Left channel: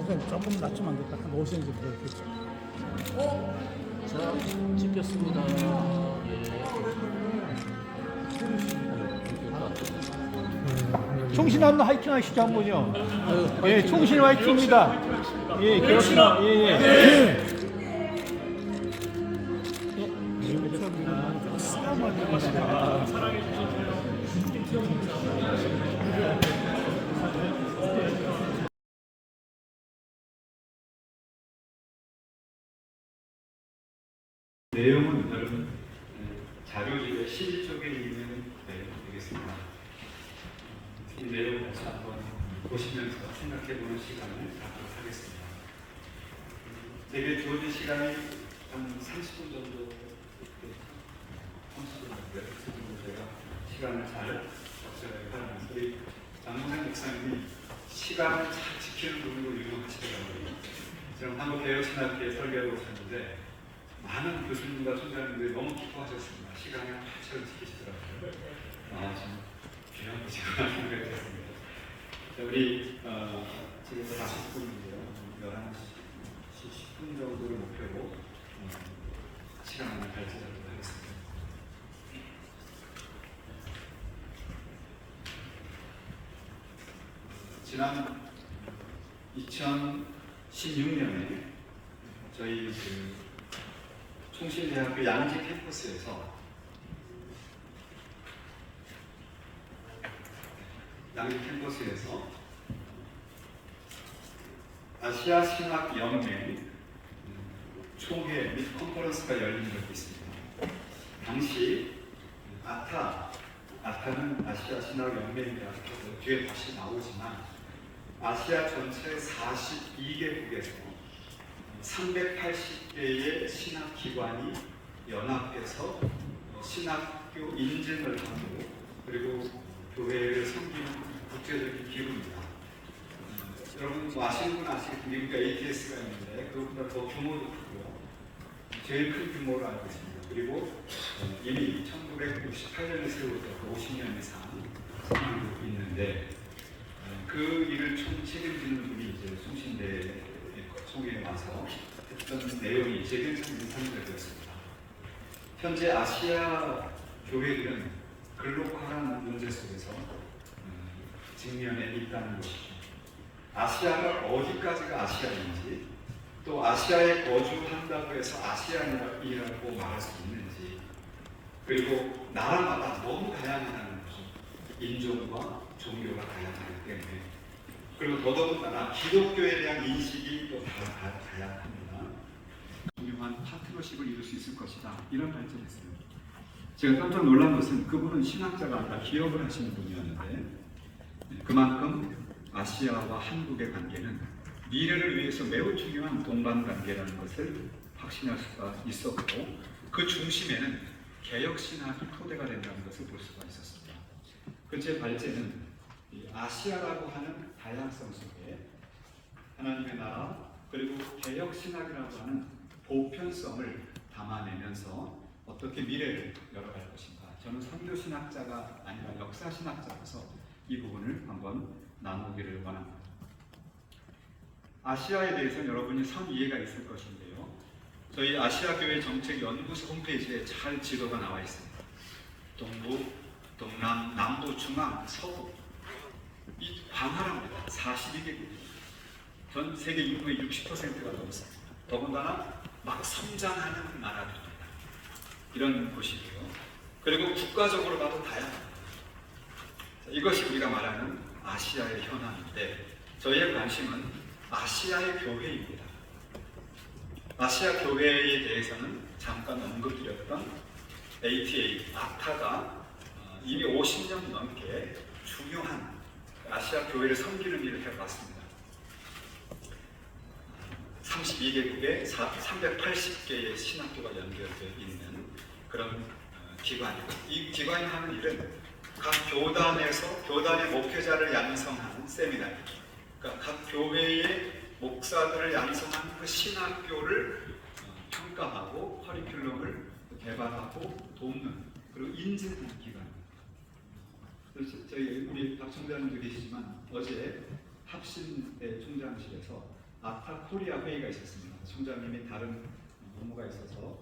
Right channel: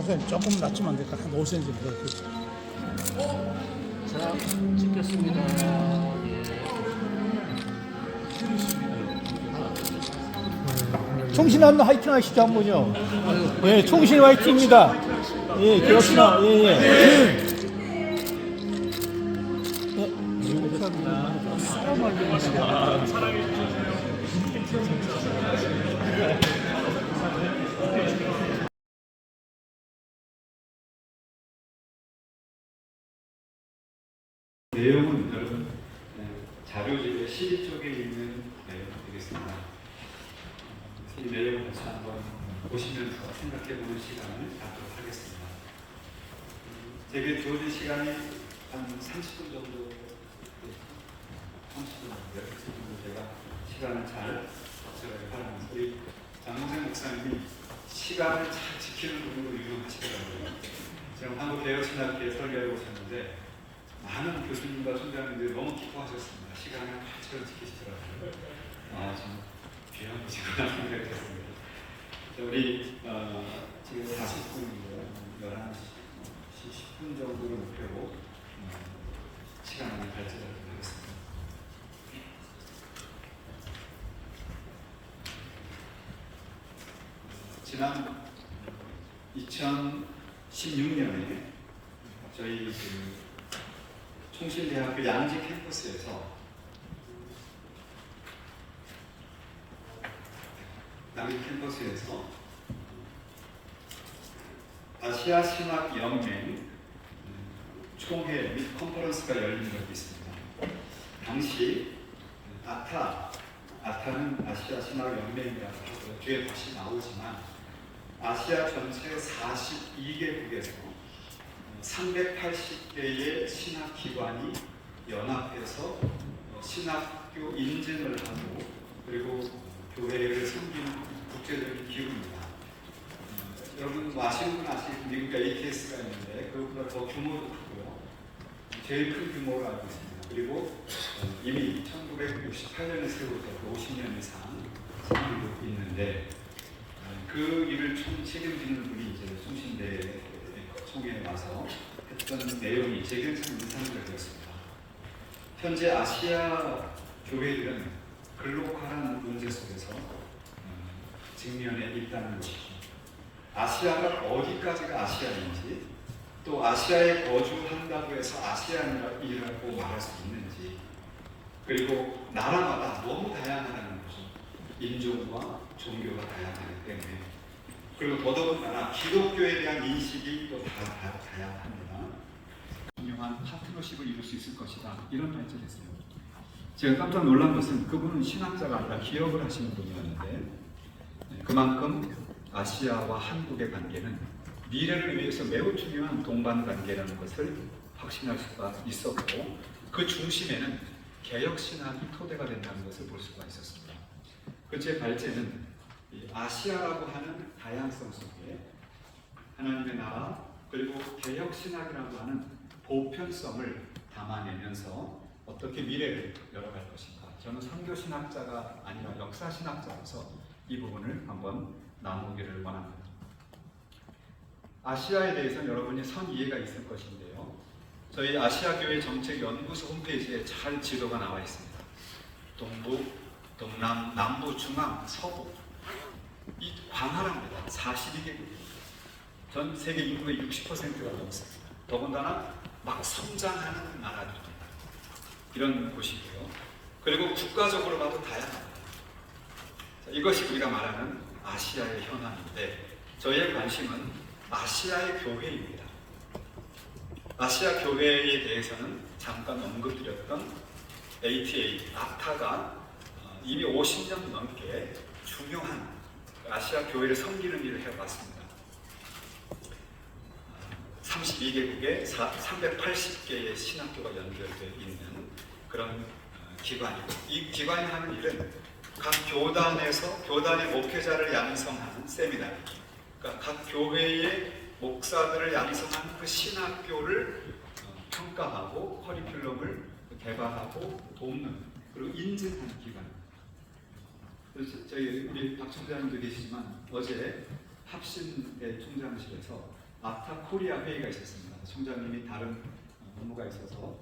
선생님 조금 낮추면 안 될까? 한 5cm 더. 자, 찍겠습니다. 총신 한번 화이팅 하시죠 한번요. 예, 총신 화이팅입니다. 예, 그렇습니다. 예, 예. 사랑해 주셔서요. 내용은 여러분 자료집의 12쪽에 있는 내용 되겠습니다. 이 내용을 다시 한번 보시면서 생각해보는 시간을 갖도록 하겠습니다. 제게 주어진 시간이 한 30분 정도, 30분 정도 제가 시간을 잘 적절하게 활용해서 우리 장문생 목사님이 시간을 잘 지키는 분으로 유명하시더라고요. 지금 한국대여신학교에 설교를 오셨는데 많은 교수님과 총장님들이 너무 기뻐하셨습니다. 시간을 잘 지키시더라고요. 정말 귀한 곳이구나 생각이 들었습니다. 우리 지금 40분인데요. 11시 10분 정도를 목표로 시간을 발전하도록 하겠습니다. 지난 2016년에 저희 총신대학교 양지 캠퍼스에서 아시아 신학 연맹 총회 및 컨퍼런스가 열린 적이 있습니다. 당시 아타는 아시아 신학 연맹이라서 뒤에 다시 나오지만 아시아 전체 42개국에서 380개의 신학기관이 연합해서 신학교 인증을 하고 그리고 교회를 섬기는 국제적인 기구입니다. 여러분 아시는 분 아시는 미국 ATS가 있는데 그것보다 더 규모도 크고요. 제일 큰 규모로 알고 있습니다. 그리고 이미 1968년에서부터 50년 이상 진행되고 있는데 그 일을 책임지는 분이 이제 총신대 총회에 와서 했던 내용이 제게 참 인상적이었습니다. 현재 아시아 교회들은 글로컬한 문제 속에서 직면해 있다는 것이죠. 아시아가 어디까지가 아시아인지 또 아시아에 거주한다고 해서 아시안이라고 말할 수 있는지 그리고 나라마다 너무 다양하다는 거죠. 인종과 종교가 다양하기 때문에 그리고 더더군다나 기독교에 대한 인식이 또 다양합니다. 중요한 파트너십을 이룰 수 있을 것이다. 이런 발전을 했어요. 제가 깜짝 놀란 것은 그분은 신학자가 아니라 기업을 하시는 분이었는데 그만큼 아시아와 한국의 관계는 미래를 위해서 매우 중요한 동반관계라는 것을 확신할 수가 있었고 그 중심에는 개혁신학이 토대가 된다는 것을 볼 수가 있었습니다. 제 발제는 아시아라고 하는 다양성 속에 하나님의 나라 그리고 개혁신학이라고 하는 보편성을 담아내면서 어떻게 미래를 열어갈 것인가. 저는 선교신학자가 아니라 역사신학자로서 이 부분을 한번 나누기를 원합니다. 아시아에 대해서는 여러분이 선 이해가 있을 것인데요. 저희 아시아교회 정책연구소 홈페이지에 잘 지도가 나와 있습니다. 동부, 동남, 남부, 중앙, 서부 이 광활합니다. 42개국 전 세계 인구의 60%가 넘습니다. 더군다나 막 성장하는 나라들입니다. 이런 곳이고요. 그리고 국가적으로 봐도 다양합니다. 이것이 우리가 말하는 아시아의 현황인데 저희의 관심은 아시아의 교회입니다. 아시아 교회에 대해서는 잠깐 언급드렸던 아타가 이미 50년 넘게 중요한 아시아 교회를 섬기는 일을 해왔습니다. 32개국에 380개의 신학교가 연결되어 있는 그런 기관이고 이 기관이 하는 일은 각 교단에서 교단의 목회자를 양성하는 세미나리 그러니까 각 교회의 목사들을 양성하는 그 신학교를 평가하고 커리큘럼을 개발하고 돕는 그리고 인증하는 기관입니다. 저희 우리 박 총장님도 계시지만 어제 합신대 총장실에서 아타 코리아 회의가 있었습니다. 총장님이 다른 업무가 있어서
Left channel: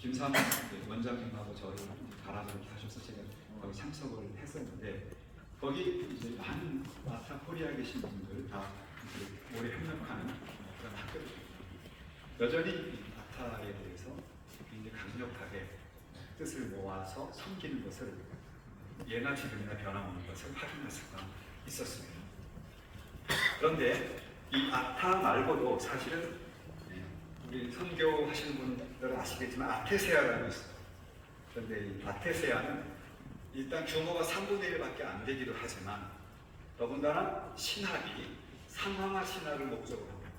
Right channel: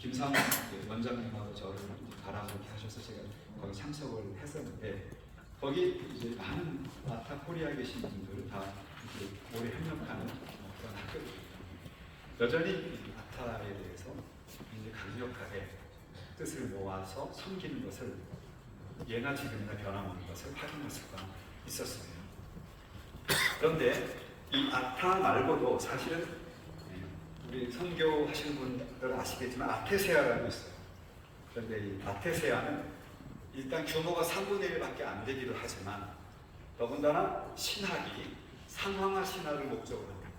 김상훈 원장님하고 저를 가라고 이렇게 하셔서 제가 거기 참석을 했었는데 거기 이제 많은 아타 코리아에 계신 분들 다 이제 오래 협력하는 그런 학교입니다. 여전히 아타에 대해서 굉장히 강력하게 뜻을 모아서 섬기는 것을 예나 지금이나 변함없는 것을 확인할 수가 있었습니다. 그런데 이 아타 말고도 사실은 우리 선교하시는 분들은 아시겠지만 아테세아라고 있어요. 그런데 이 아테세아는 일단 규모가 3분의 1밖에 안 되기도 하지만 더군다나 신학이 상황화 신학을 목적으로 합니다.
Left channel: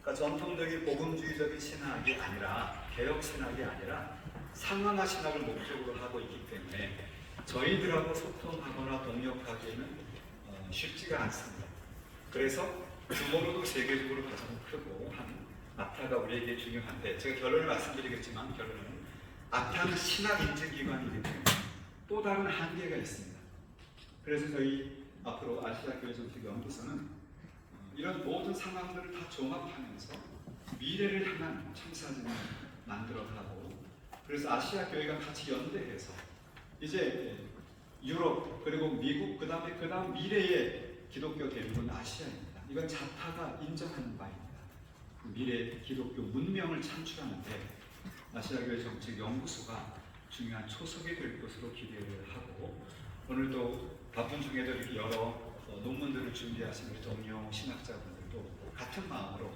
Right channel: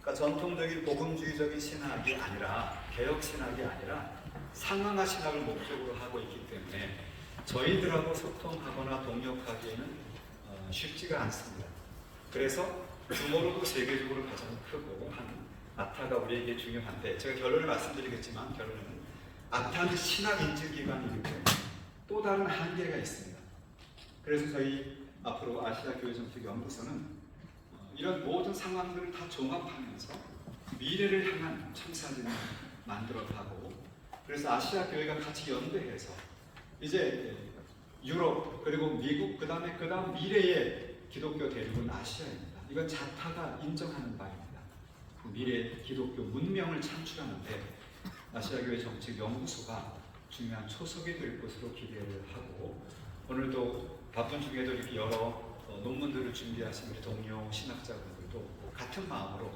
그러니까 전통적인 복음주의적인 신학이 아니라 개혁 신학이 아니라 상황화 신학을 목적으로 하고 있기 때문에 저희들하고 소통하거나 동역하기에는 쉽지가 않습니다. 그래서 규모로도 세계적으로 가장 크고 한 아타가 우리에게 중요한데 제가 결론을 말씀드리겠지만 결론은 아타는 신학 인증기관이기 때문에 또 다른 한계가 있습니다. 그래서 저희 앞으로 아시아 교회 정책 연구소는 이런 모든 상황들을 다 종합하면서 미래를 향한 청사진을 만들어가고 그래서 아시아 교회가 같이 연대해서 이제 유럽 그리고 미국 그 다음 미래의 기독교 대륙은 아시아입니다. 이건 자타가 인정하는 바입니다. 미래 기독교 문명을 창출하는데 아시아교회 정책 연구소가 중요한 초석이 될 것으로 기대를 하고 오늘도 바쁜 중에도 이렇게 여러 논문들을 준비하신 우리 동료 신학자분들도 같은 마음으로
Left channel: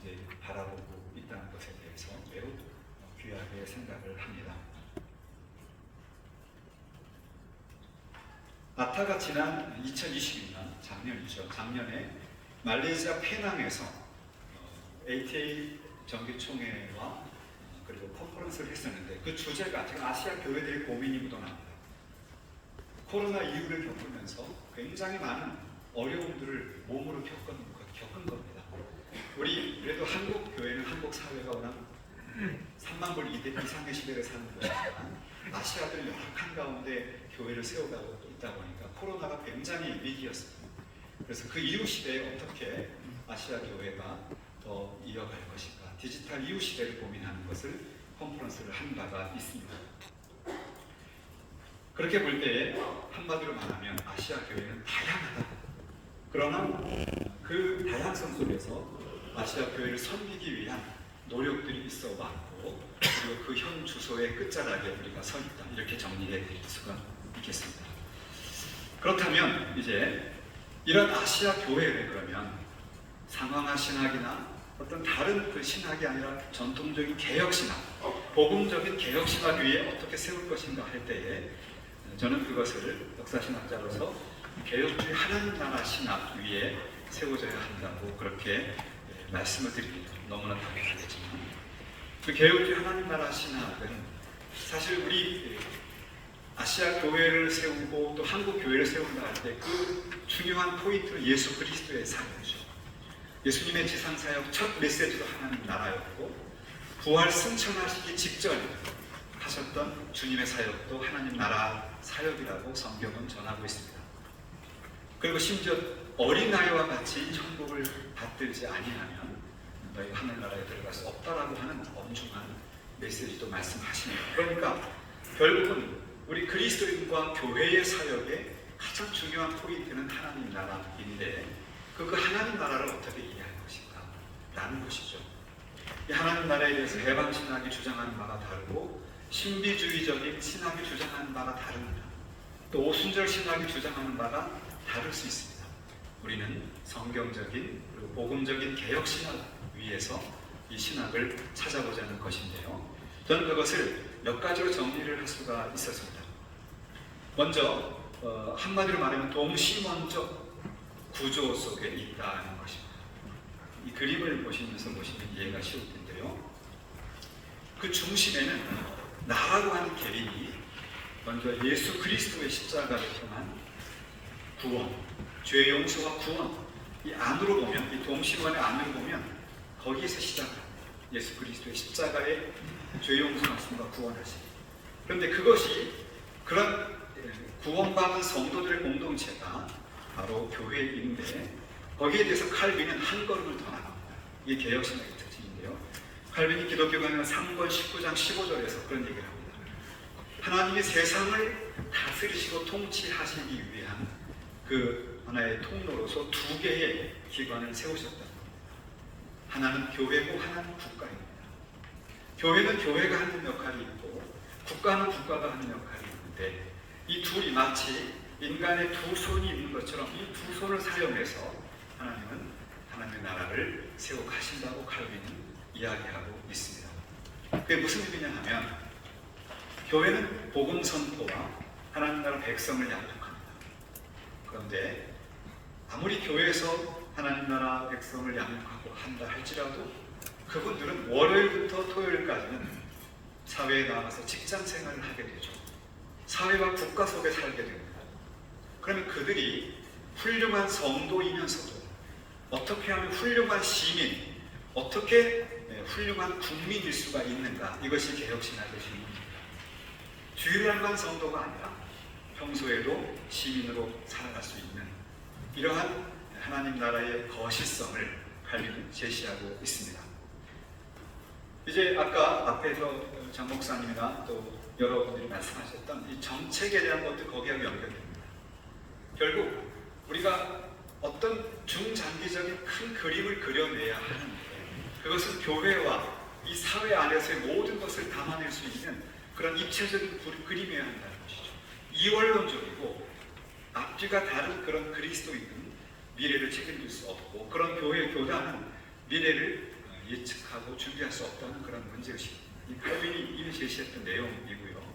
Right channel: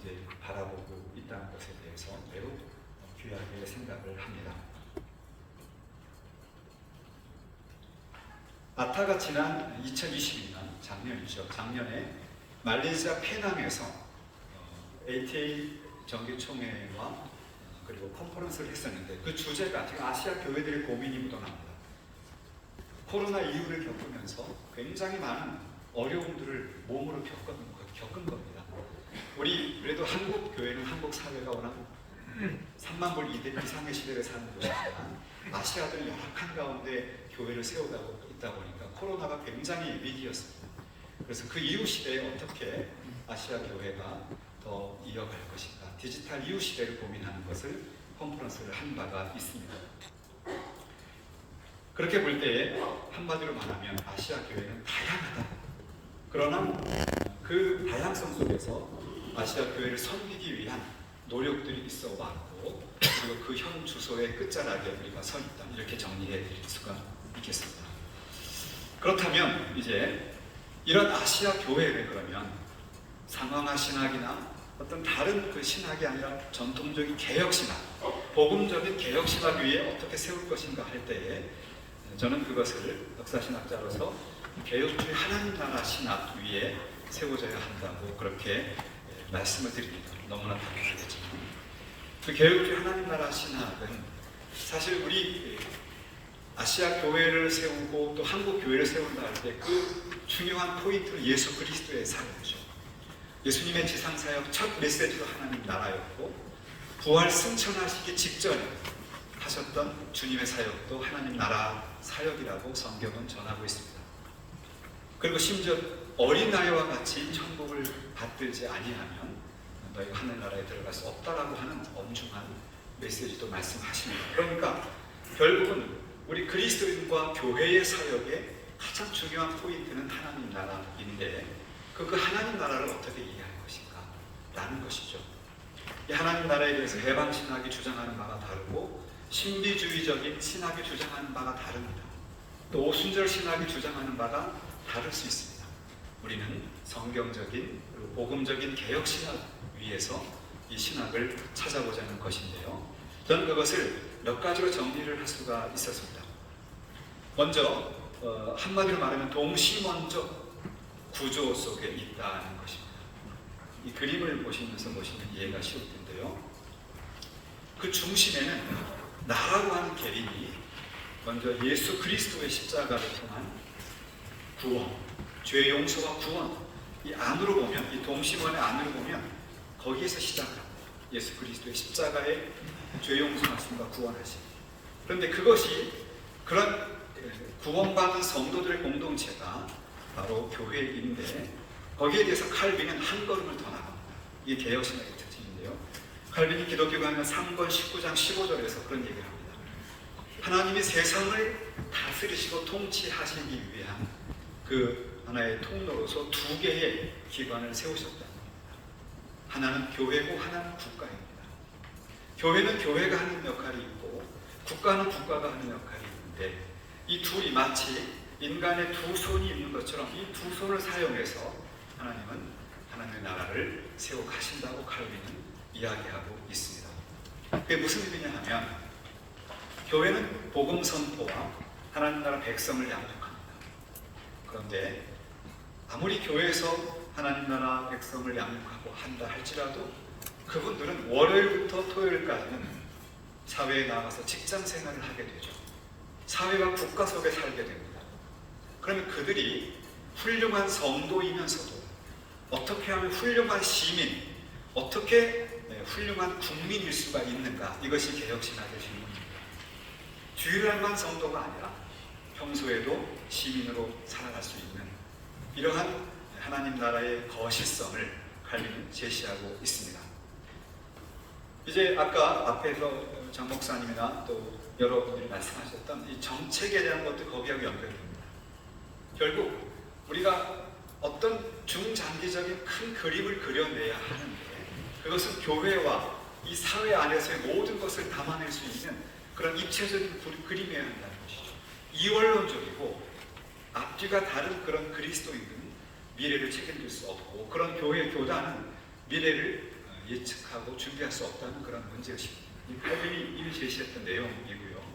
이제 바라보고 있다는 것에 대해서 매우 귀하게 생각을 합니다. 아타가 지난 2022년 작년이죠. 작년에 말레이시아 페낭에서 ATA 정기총회와 그리고 컨퍼런스를 했었는데 그 주제가 지금 아시아 교회들의 고민이 묻어납니다. 코로나 이후를 겪으면서 굉장히 많은 어려움들을 몸으로 겪은 겁니다. 우리 그래도 한국 교회는 한국 사회가 워낙 3만 불 이상의 시대를 사는 곳이지만 아시아들 열악한 가운데 교회를 세워가고 있다 보니까 코로나가 굉장히 위기였습니다. 그래서 그 이후 시대에 어떻게 아시아 교회가 더 이어갈 것인가 디지털 이후 시대를 고민하는 것을 컨퍼런스를 한 바가 있습니다. 그렇게 볼 때에 한마디로 말하면 아시아 교회는 다양하다. 그러나 그 다양성 속에서 아시아 교회를 섬기기 위한 노력들이 있어 왔고 그리고 그 현 주소의 끝자락에 우리가 서 있다. 이렇게 정리해 드릴 수가 있겠습니다. 그렇다면 이제 이런 아시아 교회를 그러면 상황화 신학이나 어떤 다른 그 신학이 아니라 전통적인 개혁 신학, 복음적인 개혁 신학 위에 어떻게 세울 것인가 할 때에 저는 그것을 역사신학자로서 개혁주의 하나님 나라 신학 위에 세워져야 한다고 그렇게 말씀을 드립니다. 너무나 당연하겠지만 그 개혁주의 하나님 나라 신학은 사실 우리 아시아 교회를 세우고 또 한국 교회를 세운다 할 때 그 중요한 포인트는 예수 그리스도의 사역이죠. 예수님의 지상사역 첫 메시지도 하나님 나라였고 부활 승천하시기 직전에 하셨던 주님의 사역도 하나님 나라 사역이라고 성경은 전하고 있습니다. 그리고 심지어 어린아이와 같이 천국을 받들지 아니하면 너희가 하늘나라에 들어갈 수 없다라고 하는 엄중한 메시지도 말씀하십니다. 그러니까 결국은 우리 그리스도인과 교회의 사역의 가장 중요한 포인트는 하나님 나라인데 그 하나님 나라를 어떻게 이해할 것인가 라는 것이죠. 이 하나님 나라에 대해서 해방신학이 주장하는 바가 다르고 신비주의적인 신학이 주장하는 바가 다릅니다. 또 오순절 신학이 주장하는 바가 다를 수 있습니다. 우리는 성경적인 그리고 복음적인 개혁 신학 위에서 이 신학을 찾아보자는 것인데요. 저는 그것을 몇 가지로 정리를 할 수가 있었습니다. 먼저 한마디로 말하면 동시원적 구조 속에 있다는 것입니다. 이 그림을 보시면서 보시면 이해가 쉬울 텐데요. 그 중심에는 나라고 하는 개인이 먼저 예수 그리스도의 십자가를 통한 구원, 죄 용서와 구원, 이 안으로 보면, 이 동심원의 안으로 보면 거기에서 시작합니다. 예수 그리스도의 십자가의 죄 용서하심과 구원하심. 그런데 그것이 그런 구원받은 성도들의 공동체가 바로 교회인데 거기에 대해서 칼빈은 한 걸음을 더 나갑니다. 이게 개혁신학의 특징인데요. 칼빈이 기독교 강론 3권 19장 15절에서 그런 얘기를 합니다. 하나님이 세상을 다스리시고 통치하시기 위한 그 하나의 통로로서 두 개의 기관을 세우셨다. 하나는 교회고 하나는 국가입니다. 교회는 교회가 하는 역할이 있고 국가는 국가가 하는 역할이 있는데 이 둘이 마치 인간의 두 손이 있는 것처럼 이 두 손을 사용해서 하나님은 하나님의 나라를 세워 가신다고 칼빈은 이야기하고 있습니다. 그게 무슨 의미냐 하면 교회는 복음 선포와 하나님 나라 백성을 양육합니다. 그런데 아무리 교회에서 하나님 나라 백성을 양육하고 한다 할지라도 그분들은 월요일부터 토요일까지는 사회에 나가서 직장 생활을 하게 되죠. 사회가 국가 속에 살게 됩니다. 그러면 그들이 훌륭한 성도이면서도 어떻게 하면 훌륭한 시민, 어떻게 훌륭한 국민일 수가 있는가? 이것이 개혁신학의 질문입니다. 주일날만 성도가 아니라 평소에도 시민으로 살아갈 수 있는 이러한 하나님 나라의 거시성을 칼빈은 제시하고 있습니다. 이제 아까 앞에서 장 목사님이나 또 여러분들이 말씀하셨던 이 정책에 대한 것도 거기하고 연결됩니다. 결국 우리가 어떤 중장기적인 큰 그림을 그려내야 하는데 그것은 교회와 이 사회 안에서의 모든 것을 담아낼 수 있는 그런 입체적인 그림이어야 한다는 것이죠. 이원론적이고 앞뒤가 다른 그런 그리스도인은 미래를 책임질 수 없고 그런 교회 교단은 미래를 예측하고 준비할 수 없다는 그런 문제의식입니다. 이 칼빈이 이미 제시했던 내용이고요.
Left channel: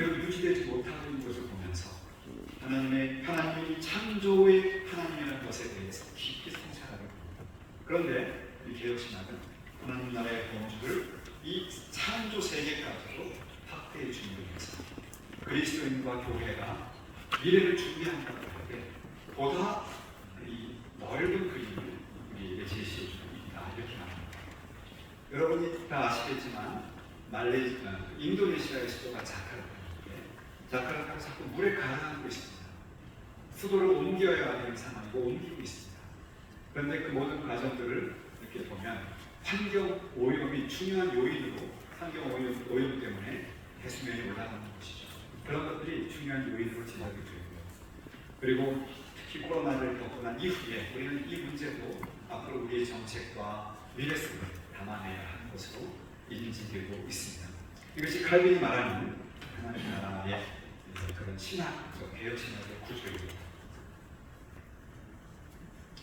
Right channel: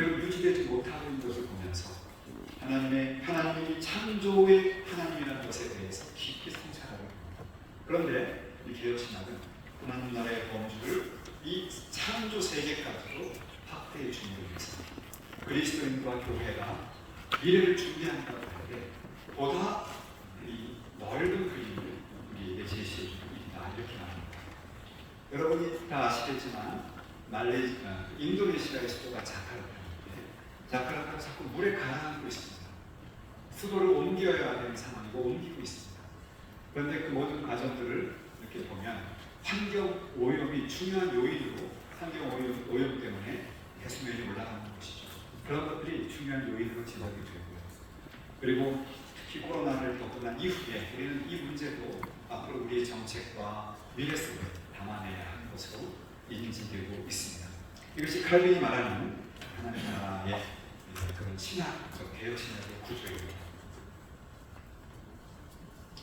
유지되지 못하는 것을 보면서 하나님이 창조의 하나님이라는 것에 대해서 깊이 성찰하려 합니다. 그런데 이 개혁신학은 하나님 나라의 범주를 이 창조 세계까지도 확대해 주기 위해서 그리스도인과 교회가 미래를 준비한다고 할 때 보다 이 넓은 그림을 우리에게 제시해 주고 있다 이렇게 말합니다. 여러분이 다 아시겠지만 인도네시아의 수도가 자카르타가 자꾸 물에 가라앉고 있습니다. 수도를 옮겨야 하는 상황이고 옮기고 있습니다. 그런데 그 모든 과정들을 이렇게 보면 환경 오염이 중요한 요인으로 환경 오염 때문에 해수면이 올라가는 것이죠. 그런 것들이 중요한 요인으로 지적이 되고요. 그리고 특히 코로나를 겪고 난 이후에 우리는 이 문제도 앞으로 우리의 정책과 미래 속에 담아내야 하는 것으로 인지되고 있습니다. 이것이 칼빈이 말하는 하나님 나라의 그런 신학적 개혁신학의 구조입니다.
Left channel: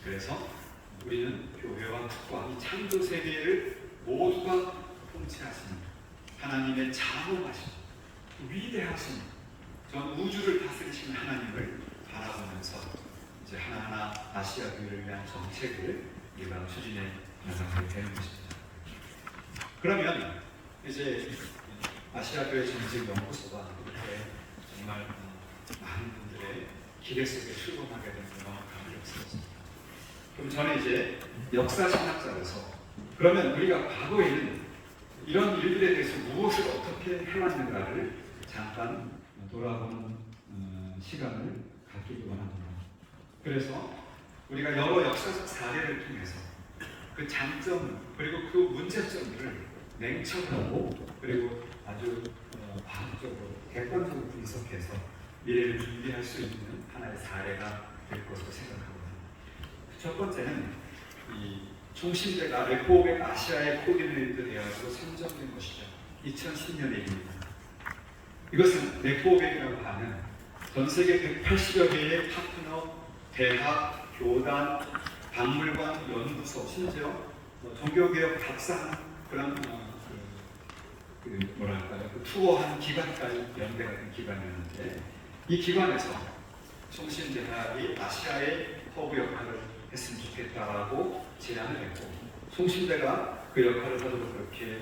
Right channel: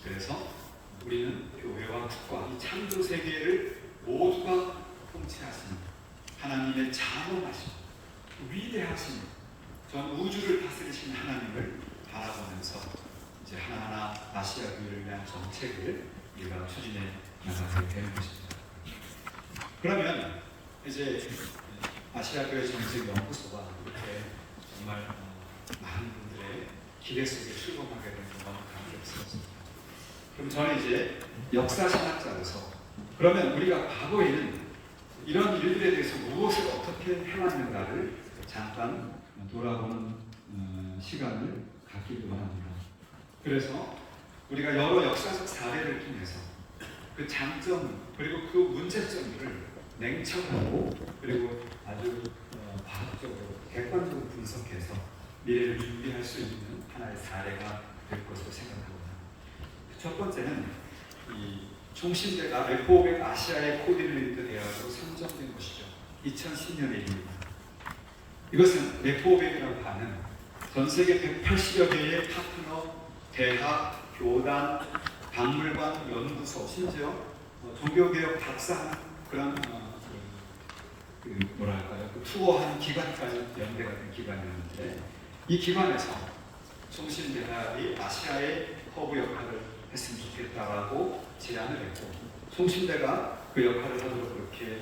그래서 우리는 교회와 국가, 이 창조 세계를 모두가 통치하시는 하나님의 장엄하신 위대하신 전 우주를 다스리시는 하나님을 바라보면서 이제 하나하나 아시아 교회를 위한 정책을 우리가 추진해 나가게 되는 것입니다. 그러면 이제 아시아 교회 정책 연구소가 이렇게 정말 많은 분들의 기대 속에 출범하게 된 경험을 없었습니다. 그럼 저는 이제 역사신학자로서 그러면 우리가 과거에는 이런 일들에 대해서 무엇을 어떻게 해왔는가를 잠깐 돌아보는 시간을 갖기를 원합니다. 그래서 우리가 여러 역사적 사례를 통해서 그 장점 그리고 그 문제점을 냉철하고 그리고 아주 과학적으로 객관적으로 분석해서 미래를 준비할 수 있는 하나의 사례가 될 것으로 생각합니다. 첫 번째는 이 총신대가 레포백 아시아의 코디네이터 대학으로 선정된 것이죠. 2010년의 일입니다. 이것은 레포백이라고 하는 전 세계 180여 개의 파트너, 대학, 교단, 박물관, 연구소, 심지어 종교개혁 박사하는 그런 그 투어하는 기관까지 연대하는 기관이었는데 이 기관에서 총신대학이 아시아의 허브 역할을 했으면 좋겠다라고 제안을 했고 총신대가 그 역할을 하도록 그렇게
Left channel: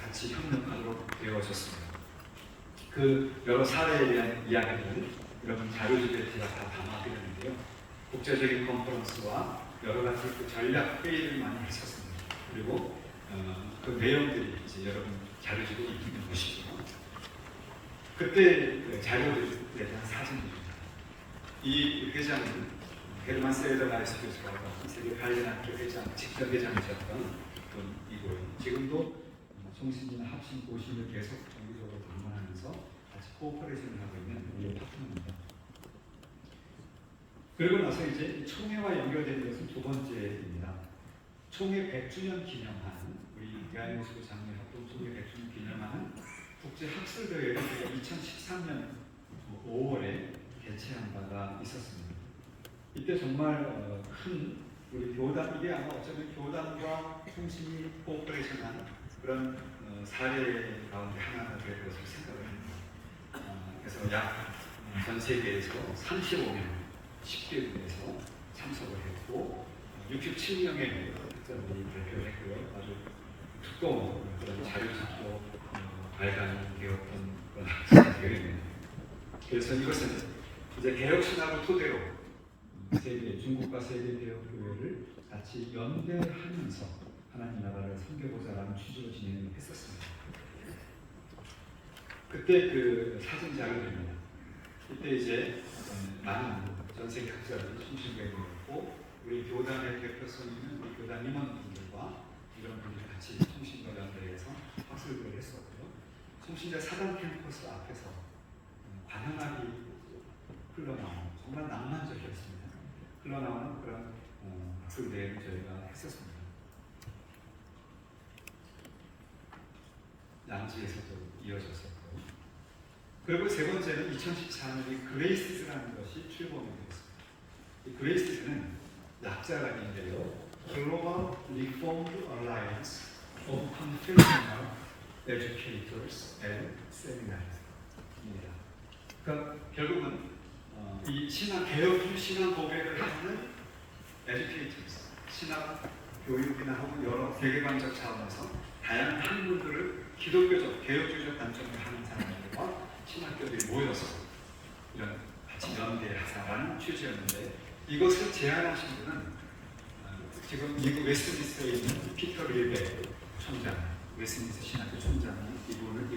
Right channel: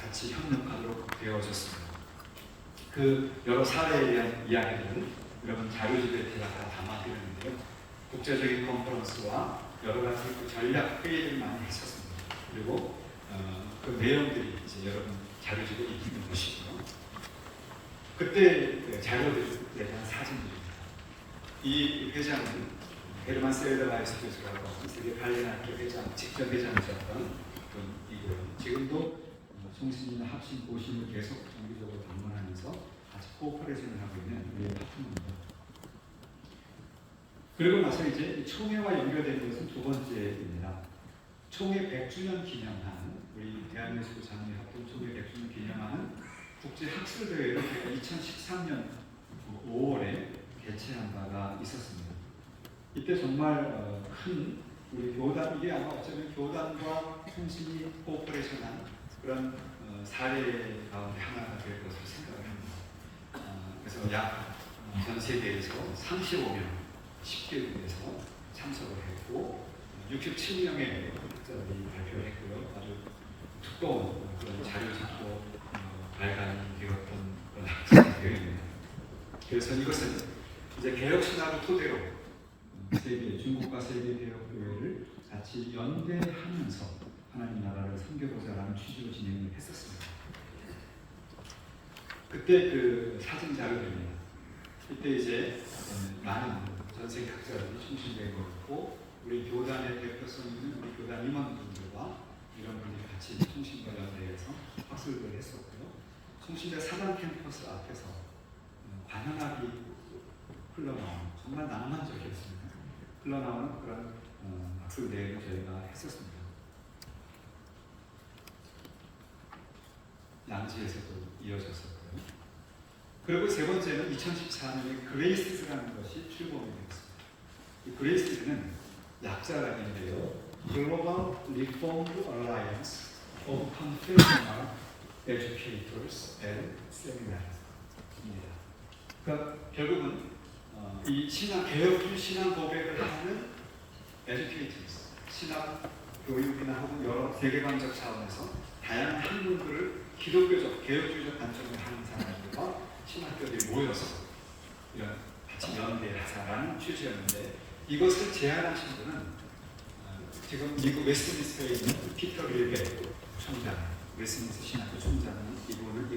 같이 협력하도록 되어졌습니다. 그 여러 사례에 대한 이야기들을 이런 자료집에 제가 다 담아드렸는데요. 국제적인 컨퍼런스와 여러 가지 그 전략 회의를 많이 했었습니다. 그리고 그 내용들이 이제 여러분 자료집에 있는 것이고요. 그때 자료들이 대한 사진들입니다. 이 회장은 헤르만 세일러라이스가 세계 발레학교 회장, 직전 회장이셨던 이고요. 지금도 송신이나 합신 고신을 계속 정기적으로 방문하면서 같이 코오퍼레이션을 하고 있는 우리 파트너입니다. 그리고 나서 이제 총회와 연결되는 것은 두 번째입니다. 총회 100주년 기념한 우리 대한민국 장례학동 총회 100주년 기념하는 국제학술대회를 2013년 5월에 개최한 바가 있었습니다. 이때 정말 큰 우리 교단, 이게 아마 어쩌면 교단과 통신이 코오퍼레이션한 그런 사례 가운데 하나가 될 것으로 생각을 합니다. 그래서 약 전 세계에서 35명 10개국에서 참석을 했고 67명의 학자들이 발표를 했고요. 아주 두꺼운 그런 자료 작고 발간이 되었던 그런 학자의 대회입니다. 그래서 이것은 이제 개혁 신학을 토대로 세계 중국과 세계 개혁 교회를 같이 연대하면서 하나님 나라를 섬겨보자라는 취지로 진행을 했었습니다. 그때 그 사진 자료입니다. 이때 이제 많은 전 세계 학자들이 충실되어 있고 우리 교단의 대표성 있는 우리 교단 임원분들과 이런 분들이 같이 통신과 연대해서 학술을 했었고요. 통신대 사단 캠퍼스 앞에서 관현악이 흘러나오는 정말 낭만적이었습니다. 흘러나오는 그런 학술 대회를 저희가 했었습니다. 양지에서도 이어졌었고요. 그리고 세 번째는 2014년에 그레이스라는 것이 출범이 되었습니다. 이 그레이스는 약자라는데요. Global Reform Alliance of Confessional Educators and Seminaries.입니다. 그러니까 결국은 이 신학 개혁 신학 고백을 하는 educators, 신학 교육이나 혹은 여러 세계관적 차원에서 다양한 학문들을 기독교적, 개혁주의적 관점에 하는 사람들과 신학교들이 모여서 이런 같이 연대하자라는 취지였는데 이것을 제안하신 분은 지금 미국 웨스트민스터에 있는 피터 릴베 총장, 웨스트민스터 신학교 총장은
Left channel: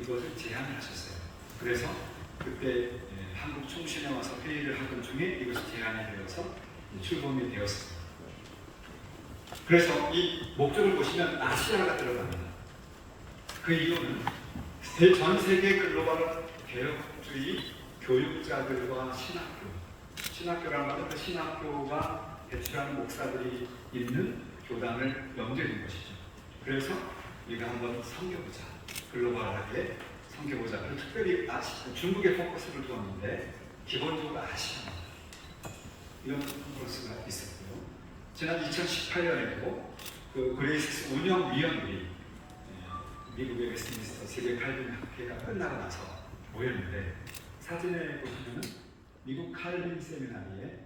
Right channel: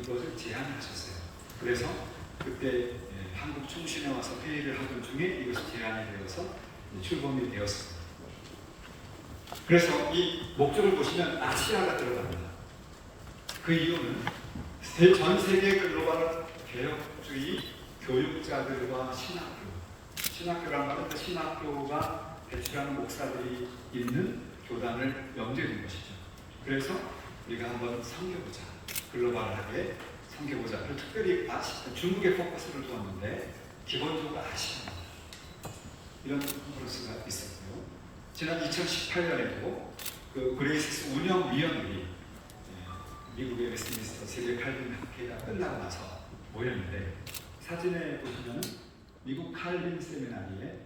이것을 제안하셨어요. 그래서 그때 한국 총신에 와서 회의를 하던 중에 이것이 제안이 되어서 출범이 되었습니다. 그래서 이 목적을 보시면 아시아가 들어갑니다. 그 이유는 전 세계 글로벌 개혁주의 교육자들과 신학교라는 말은 그 신학교가 배출하는 목사들이 있는 교단을 염두에 것이죠. 그래서 우리가 한번 섬겨보자, 글로벌하게 섬겨보자. 특별히 중국에 포커스를 두었는데 기본적으로 아시아입니다. 이런 포커스가 있었고요. 지난 2018년에도 그 그레이시스 운영위원들이 미국의 웨스트민스터 세계 칼빈 학회가 끝나고 나서 모였는데 사진에 보시면 미국 칼빈 세미나리에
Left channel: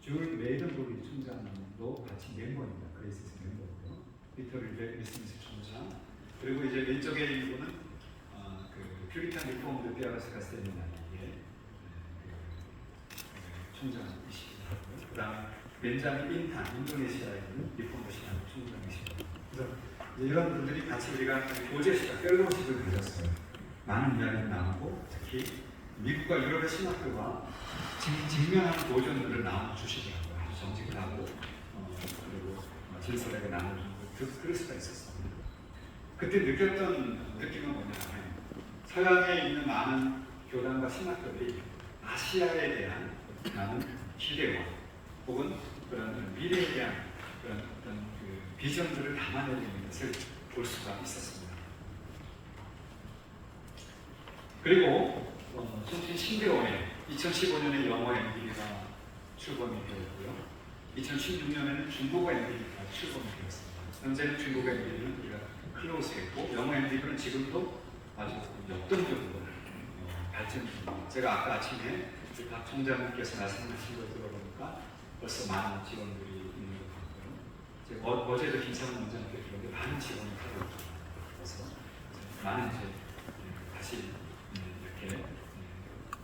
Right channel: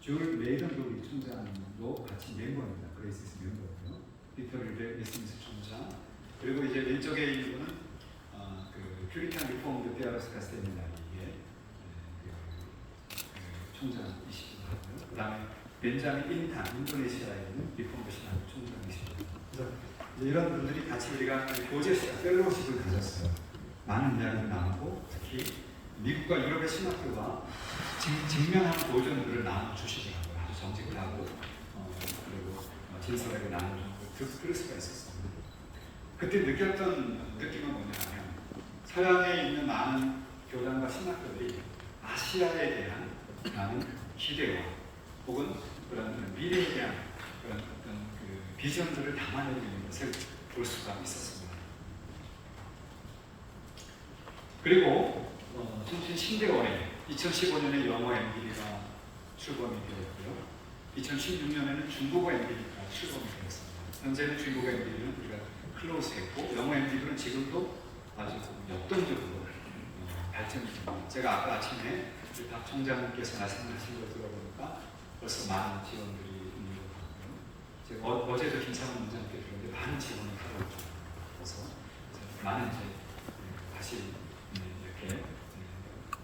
줄 웨이든버리 총장도 같이 멤버입니다. 그레이시스 멤버고요. 피터 릴베 웨스트민스터 총장 그리고 이제 왼쪽에 있는 분은 그 퓨리탄 리포먼드 페어스가 세미나리의 총장이시기도 하고요. 그 다음에 벤자민 인탄 인도네시아에 있는 리포먼드 신학 총장이시고요. 그래서 이런 분들이 같이 우리가 고제시다 펠로우십을 가졌어요. 많은 이야기를 나누고 특히 미국과 유럽의 신학교가 직면한 도전들을 나눠주시더라고요. 아주 정직을 하고 그리고 진솔하게 나눠주고 그럴 수가 있었습니다. 그때 느꼈던 느낌은 뭐냐면 서양에 있는 많은 교단과 신학교들이 아시아에 대한 많은 기대와 혹은 그런 미래에 대한 그런 어떤 비전들을 담아내는 것을 볼 수가 있었습니다. 그리고 총신 신대원에 2015년에 영어 MB가 출범이 되었고요. 2016년에는 중국어 MB가 출범이 되었습니다. 현재는 중국어 MB는 우리가 클로즈했고 영어 MB는 지금도 아주 역동적으로 발전 중입니다. 제가 아까 아침에 박 총장님께서 말씀하신 걸 들어보니까 벌써 많은 지원들이 있는 것 같고요. 제가 어제도 김상훈 원장님께 들었는데 많은 지원을 하고 있다. 그래서 많은 이제 다시 이렇게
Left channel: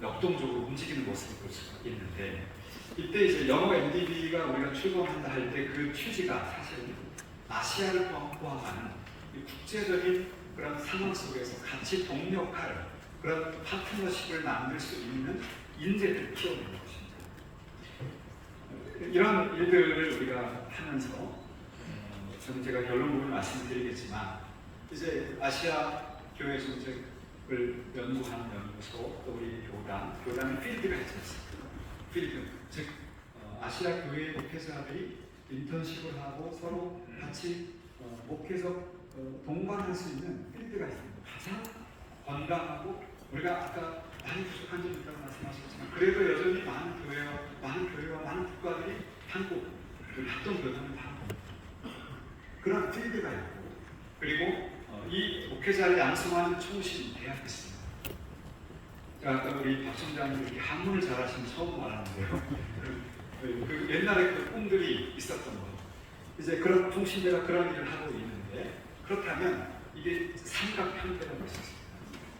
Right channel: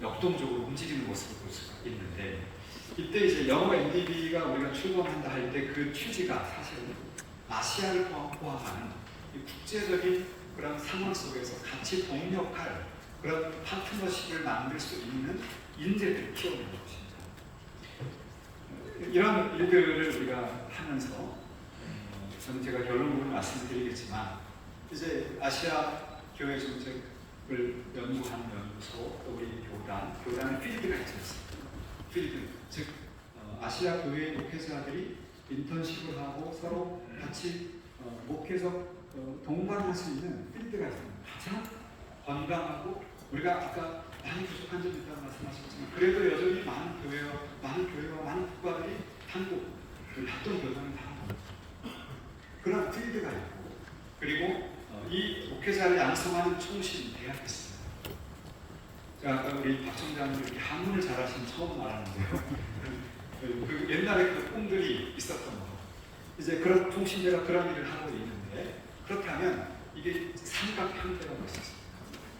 역동적으로 움직이는 모습을 볼 수가 있는데 이때 이제 영어 MDB가 우리가 출범한다 할 때 그 취지가 사실은 아시아를 포함하는 이 국제적인 그런 상황 속에서 같이 동력할 그런 파트너십을 만들 수 있는 인재들을 키워내는 것입니다. 이런 일들을 우리가 하면서 저는 제가 결론으로 말씀드리겠지만 이제 아시아 교회 정책을 연구하는 연구소 또 우리 교단의 필드가 있습니다. 필드 즉 아시아 교회 목회자들이 인턴십을 하고 서로 같이 목회적 동반할 수 있는 필드가 있습니다. 가장 건강하고 우리가 아까 많이 부족한 점이 있다고 말씀하셨지만 그래도 여전히 많은 교회와 많은 국가들이 한국 합동 교단을 다 합니다. 그런 필드가 있고 그리고 이 목회자를 양성하는 총신 대학이 있습니다. 자, 아까 우리 박 총장님 이렇게 한문을 잘하시는 처음 말하는데요. 그 옛날에 그 꿈들이 있었던 거. 이제 그런 총신대가 그런 일을 하고 있는데 그렇다면 이게 삼각형태가 있었습니다.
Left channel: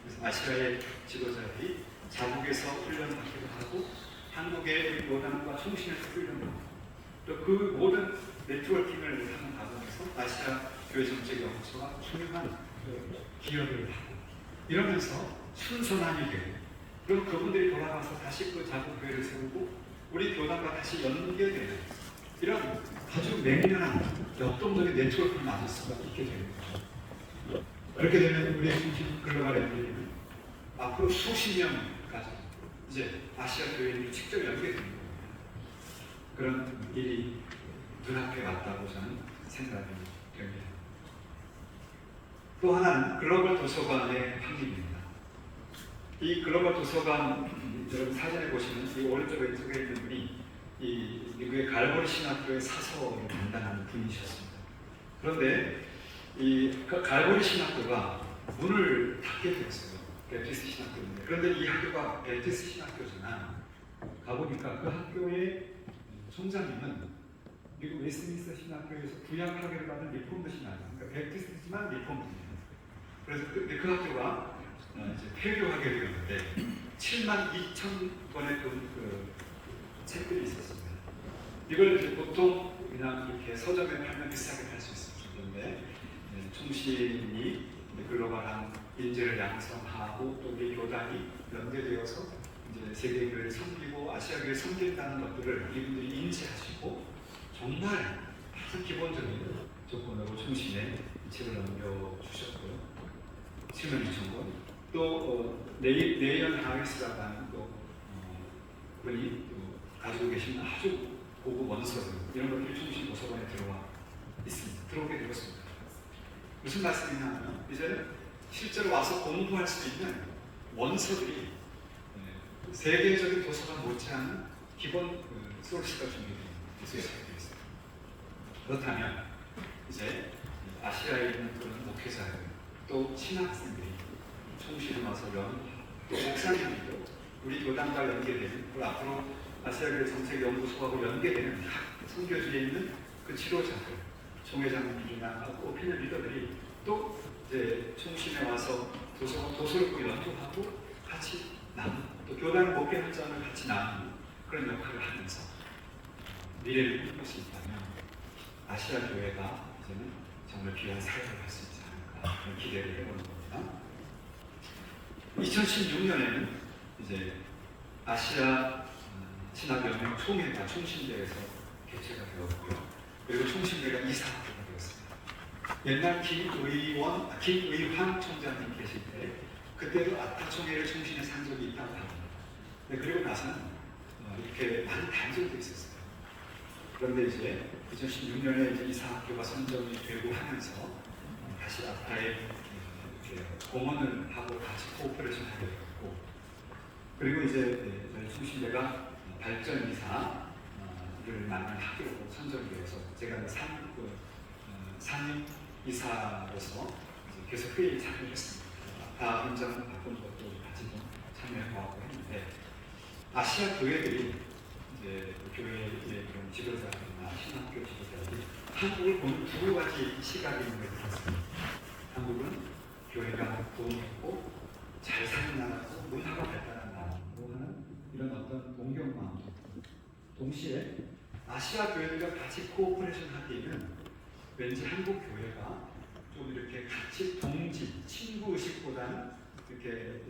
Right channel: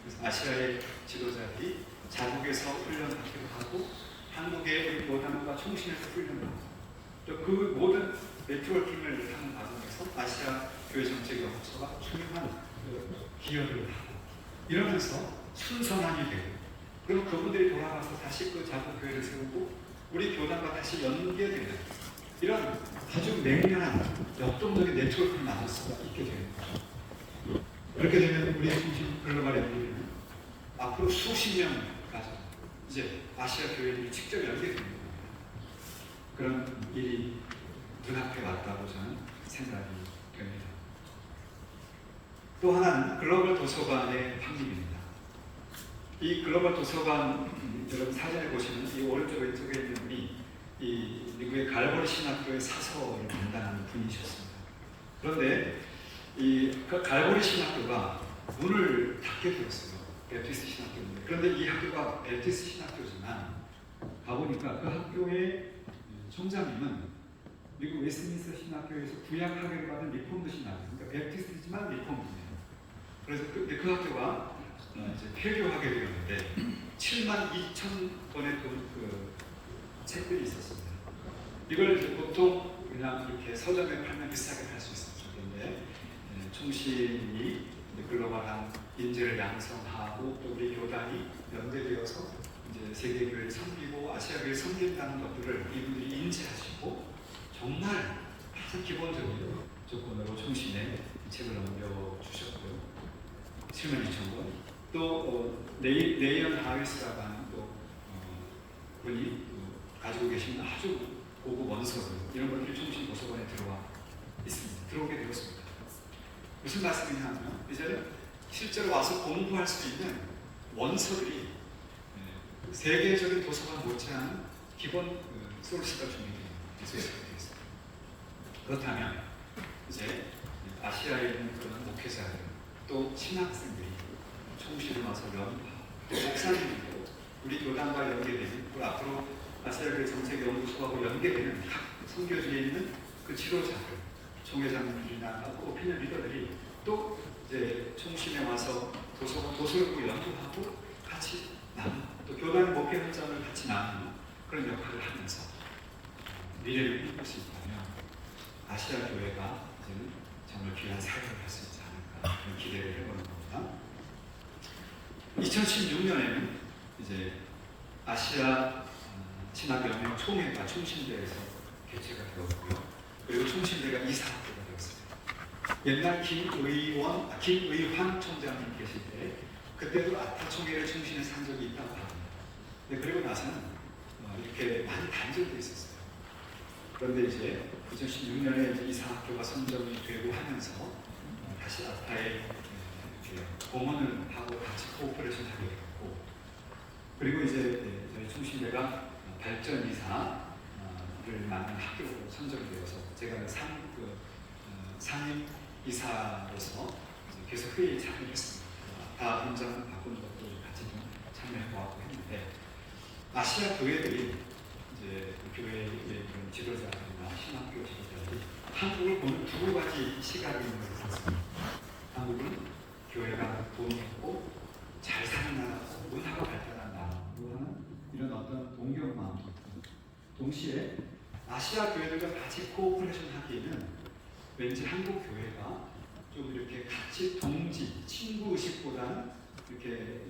그래서 아시아의 지도자들이 자국에서 훈련받기도 하고 한국의 교단과 총신에서 훈련받고 또 그 모든 네트워킹을 하는 과정에서 아시아 교회 정책 연구소가 중요한 기여를 하고 이러면서 순선함이 되고 그럼 그분들이 돌아가서 다시 그 자국 교회를 세우고 우리 교단과 다시 연계되는 이런 아주 냉랭한 역동적인 네트워크를 만들 수가 있게 됩니다. 그렇게 되면 우리 글로벌 연구는 앞으로 수십 년까지 이제 아시아 교회들이 직접 연계되는 겁니다. 그런 일이 눈앞에 왔다고 저는 생각이 됩니다. 또 하나는 글로벌 도서관의 확립입니다. 이 글로벌 도서관 여러분 사진을 보시면 이 오른쪽 왼쪽에 있는 분이 이 미국의 갈보리 신학교의 사서를 담당하는 분이셨습니다. 그런데 이 갈보리 신학교가 문을 닫게 되었어요. 베티스트 신학교인데 그런데 이 학교가 베티스트 신학교지만 가보니까 그 학교의 총장님은 미국 웨스트민스터 신학교에서 구약학위를 받은 리폼드 신학교, 그러니까 베티스트지만 리폼드입니다. 그래서 그 학교가 이제 폐교하게 되었는데 7만 2천 권의 그 책들이 있었습니다. 이걸 이제 보통 그냥 이렇게 서점에 팔면 비싸게 팔 수 있었는데 총신이 글로벌한 인재를 양성하고 또 우리 교단이 연대되어서 이제 세계교회를 섬기고 아시아교회를 섬긴다는 것들을 이분들이 인지하시고 정말 가장 기본적인 조건으로 총신에 책을 넘겨주셨고요. 7만 2천 권. 또 네이언 하리스라는 또 분이 가지고 계신 아주 고급 원서들 이런 것들이 총신 도서관에 들어와 있습니다. 들어오게 되었습니다. 무슨 말씀이냐면 이제 실제로 와서 공부할 수 있는 원서들이 세계적인 도서관 못지않은 기본 소스가 준비되어 있습니다. 그렇다면 이제 아시아에 있는 그런 목회자들 또 신학생들이 총신을 와서 연구하고 목사님들도 우리 교단과 연계되는 그리고 앞으로 아시아교회 정책연구소하고 연계되는 각 선교지에 있는 그 지도자들 총회장님이나 오피니언 리더들이 또 이제 총신에 와서 도서를 연구하고 같이 나누고 또 교단의 목회 현장을 같이 나누는 그런 역할을 하면서 미래를 꾸릴 수 있다면 아시아 교회가 이제는 정말 귀한 사역을 할 수 있지 않을까 그런 기대를 해보는 겁니다. 2016년에는 이제 아시아 신학연맹 총회가 총신대에서 개최가 되었고요. 그리고 총신대가 이사학교가 되었습니다. 옛날 김의환 총장님 계실 때 그때도 아타 총회를 총신에 산 적이 있다고 합니다. 그리고 나서는 이렇게 많은 단절도 있었어요. 그런데 이제 2016년에 이제 이사학교가 선정이 되고 하면서 다시 아타에 공헌을 하고 같이 코오퍼레이션 하게 되었고 그리고 이제 저희 총신대가 발전 이사를 맡는 학교로 선정되어서 제가 상임 이사로서 계속 회의에 참여했습니다. 다 현장을 바꾼 것도 같이 좀 참여해보았고 했는데 아시아 교회들이 이제 교회의 그런 지도자들이나 신학교 지도자들이 한국을 보는 두 가지 시각이 있는 것 같습니다. 한국은 교회가 돈이 있고 잘 사는 나라고 문화가 발달한 나라로 하는 이런 어떤 동경 마음. 동시에 아시아 교회들과 같이 코오퍼레이션 하기에는 왠지 한국 교회가 좀 이렇게 같이 동지, 친구 의식보다는 이렇게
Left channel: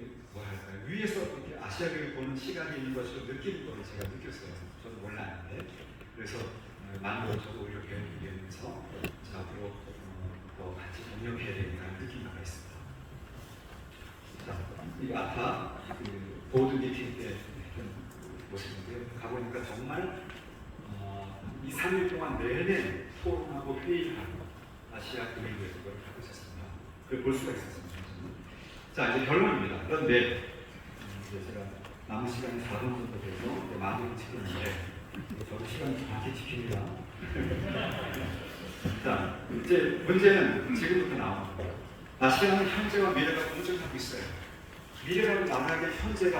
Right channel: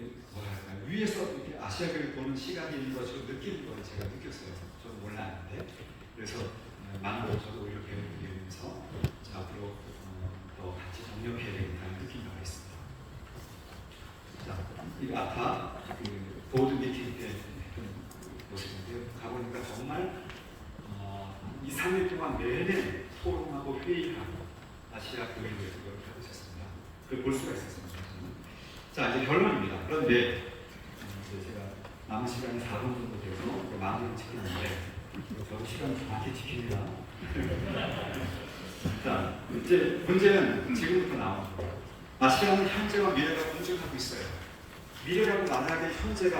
아시아 교회 보는 시간인 것으로 느끼는 걸 제가 느꼈어요. 저는 몰랐는데. 그래서 많은 걸 저도 이렇게 배우면서 앞으로 더 같이 동력해야 되겠다는 느낀 바가 있습니다. 자, 이 아까 그 보드 미팅 때 했던 모습인데요. 가보니까 정말 2, 3일 동안 내내 토론하고 회의하고 아시아 교회에 대해서 그걸 하고 있었습니다. 그걸 볼 수가 있었습니다. 자, 이제 결론입니다. 그런데 제가 남은 시간이 4분 정도 돼서 마무리 지키는데 저도 시간 정확히 지킵니다. 자, 이제 문제는 지금부터 나옵니다. 아시아는 현재와 미래가 공존하고 있어요. 미래라고 말하기에 현재가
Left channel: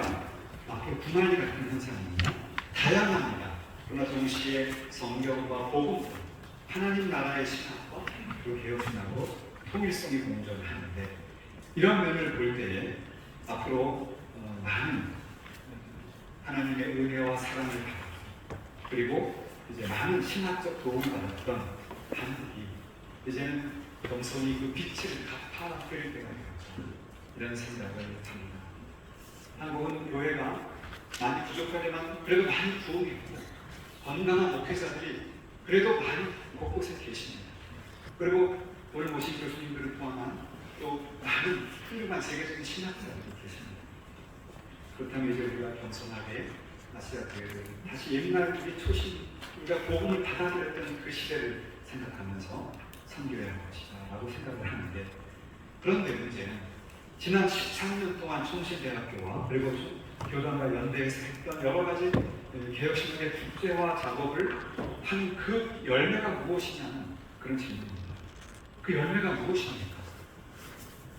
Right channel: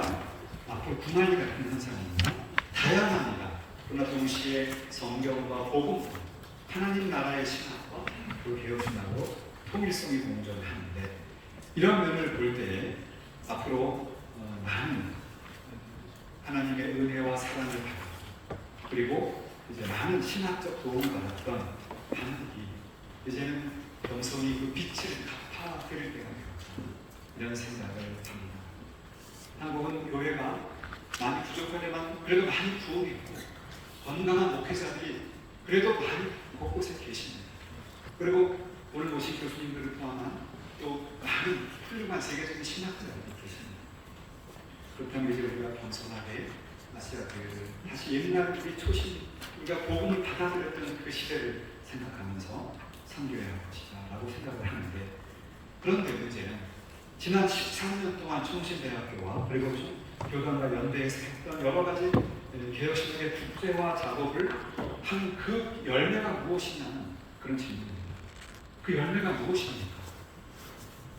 앞으로 구만리 같은 현상입니다. 다양합니다. 그러나 동시에 성경과 복음, 하나님 나라의 신학과 그 개혁신학으로 통일성이 공존하는데 이런 면을 볼 때 앞으로 많은 하나님의 은혜와 사랑을 받았고 그리고 이제 많은 신학적 도움을 받았던 한국이 이제는 겸손히 그 빛을 갚아드릴 때가 되었다. 이런 생각을 합니다. 한국은 교회가 많이 부족하지만 그래도 많이 부흥했고 건강한 목회자들이 그래도 많이 곳곳에 계십니다. 그리고 오늘 모신 교수님들을 포함한 또 많은 훌륭한 세계적인 신학자들이 계십니다. 그렇다면 이제 우리가 겸손하게 아시아 교회를 다시 옛날 우리 초심, 우리가 복음을 받아들였던 그 시대를 생각하면서 섬겨야 할 것이다 라고 생각을 하는데 그런데 문제는 지난 13년 동안 총신대학교와 그리고 교단과 연대에서 했던 여러 가지 개혁신학의 국제화 작업을 한 그 열매가 무엇이냐는 그런 질문입니다. 그 열매가 무엇입니까?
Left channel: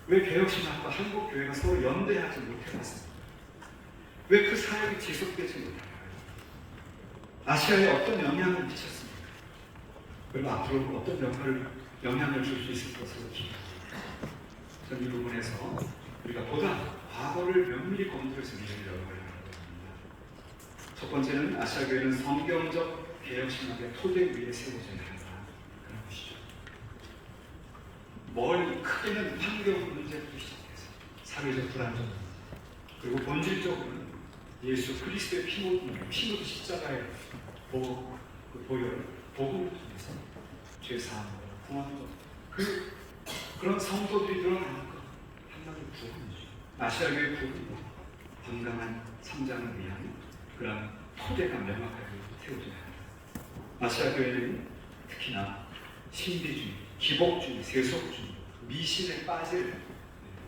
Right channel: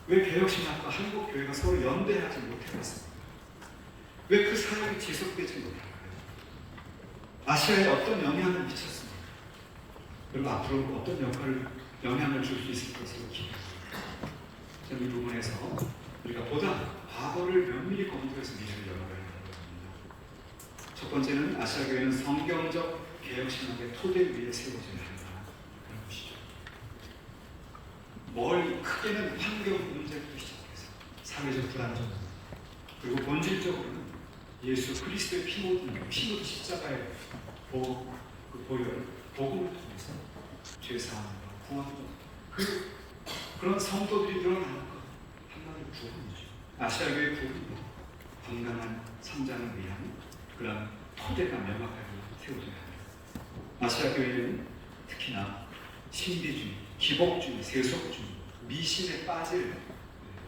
왜 개혁신학과 한국교회가 서로 연대하지 못해왔습니까? 왜 그 사역이 지속되지 못할까요? 아시아에 어떤 영향을 미쳤습니까? 그리고 앞으로 어떤 영향을 줄 수 있을 것으로 기대합니다. 저는 이 부분에서 우리가 보다 과거를 면밀히 검토해서 미래를 열어가야 합니다. 첫 번째는 아시아 교회는 성경적 개혁신학의 토대 위에 세워져야 한다. 그런 것이죠. 멀리 크게는 환경 문제부터 시작해서 사회적 불안정 그리고 본질적으로는 예수 그리스도의 피 묻은 십자가의 보혈 복음을 통해서 죄사함과 구원도 그런 성도들이 늘어나는 것 하나의 구원이죠. 아시아교의 구원은 건강한 성장을 위한 그런 토대가 명확하게 세워져야 합니다. 아시아교회는 특히나 신비주의, 기복주의, 세속주의, 미신에 빠질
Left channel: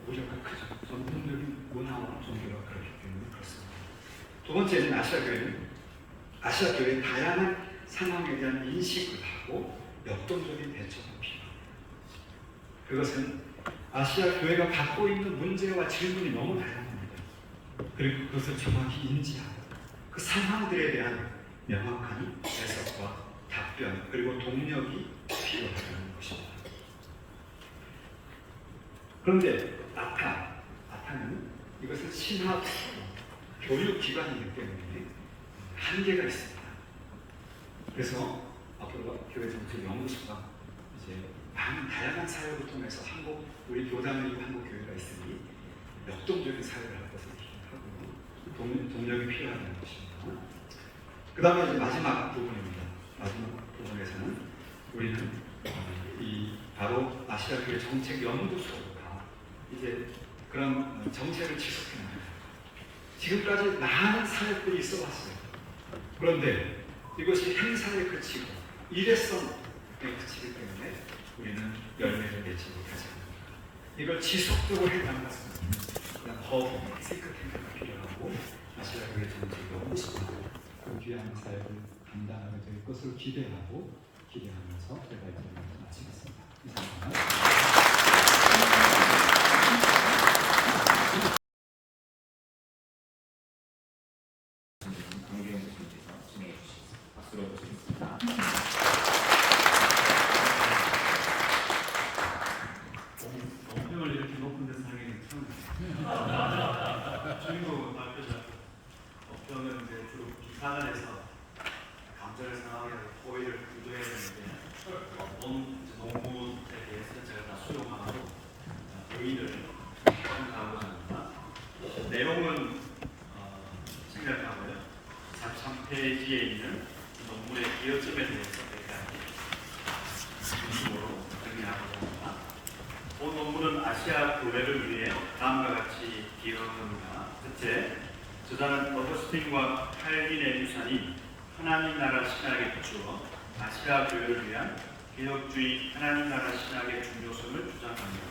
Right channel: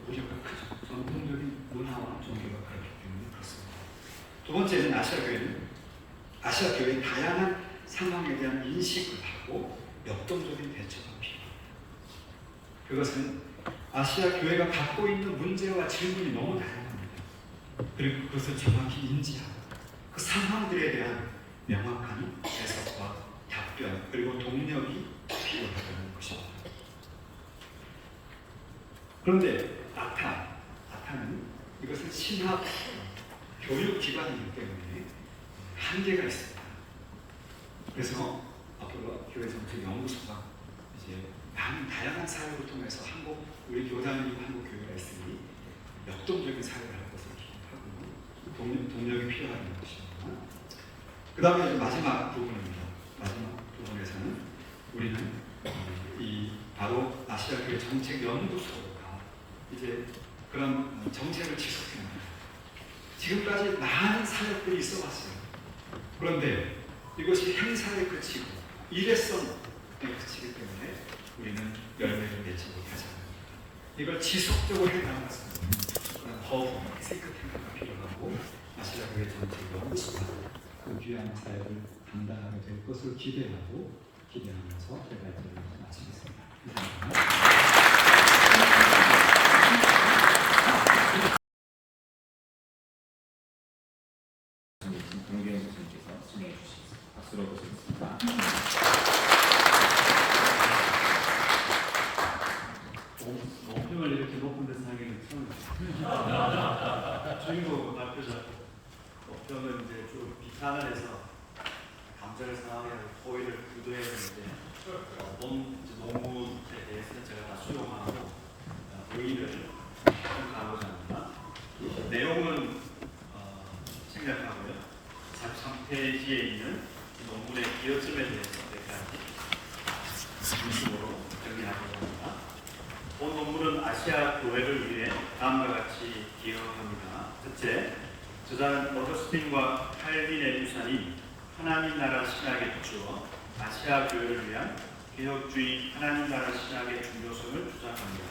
우려가 크죠. 전통적인 문화와 종교가 그렇기 때문에 그렇습니다. 두 번째는 아시아교회의 다양한 상황에 대한 인식을 하고 역동적인 대처가 필요합니다. 그것은 아시아 교회가 갖고 있는 문제와 질문이 너무 다양합니다. 그리고 그것을 정확히 인지하고 그 상황들에 대한 명확한 해석과 답변 그리고 동력이 필요하다는 것입니다. 그런데 아타는 이것은 신학 교육 기관이기 때문에 한계가 있습니다. 그래서 앞으로 교회 정책 연구소가 이제 많은 다양한 사역을 통해서 우리 교단이 한국 교회가 있으니 역동적인 사역을 할 것을 기대하고 동력이 필요한 것입니다. 그 다음에 이제 마지막 부분입니다. 마지막 부분에서는 우리는 바로 아시아 교회 정책 연구소가 이제 그런 정책을 지속해 나갑니다. 지금까지 많은 사역들이 있어 왔어요. 그런데 이것이 행사에 그치고 일회성에 그치기 때문에 우리는 열매를 내지 못하지 않습니다. 이걸 지속적으로 해가는 것은 더 시크템가 필요하고 아시아 교회 정책 연구소가 그 귀한 사역을 감당하게 될 것을 기대하면서 제가 이제 마치겠습니다. 감사합니다. 논평을 이렇게 높은 데서 하기는 처음이에요. 주인공 앞에서 논평은 이제 좀 비판을 해서 감정을 상하게 호의를 구조해야 되는데 농구에 대해서 제가 다 수용하고 의의를 가고자 합니다. 내용은 페이지에 있는 이 논문의 기여점에 대해서 중심으로 정리하려고 합니다. 본 논문은 아시아 교회를 위해 다음과 같이 기여합니다. 첫째, 저자는 어거스틴과 칼빈의 유산이 하나님 나라 신학에 비추어 아시아 교회를 위한 개혁주의 하나님 나라 신학의 중요성을 주장합니다.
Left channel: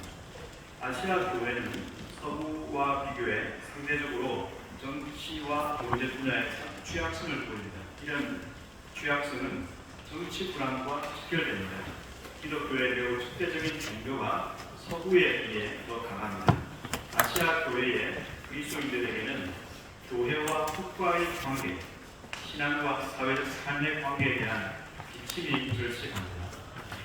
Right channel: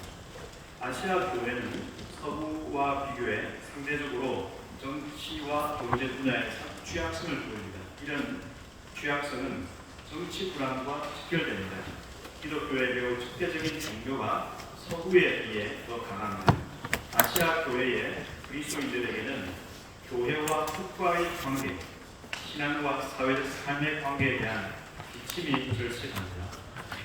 아시아 교회는 서구와 비교해 상대적으로 정치와 경제 분야에서 취약성을 보입니다. 이런 취약성은 정치 불안과 직결됩니다. 기독교의 매우 적대적인 종교가 서구에 비해 더 강합니다. 아시아 교회의 그리스도인들에게는 교회와 국가의 관계, 신앙과 사회적 삶의 관계에 대한 비침이 절실합니다.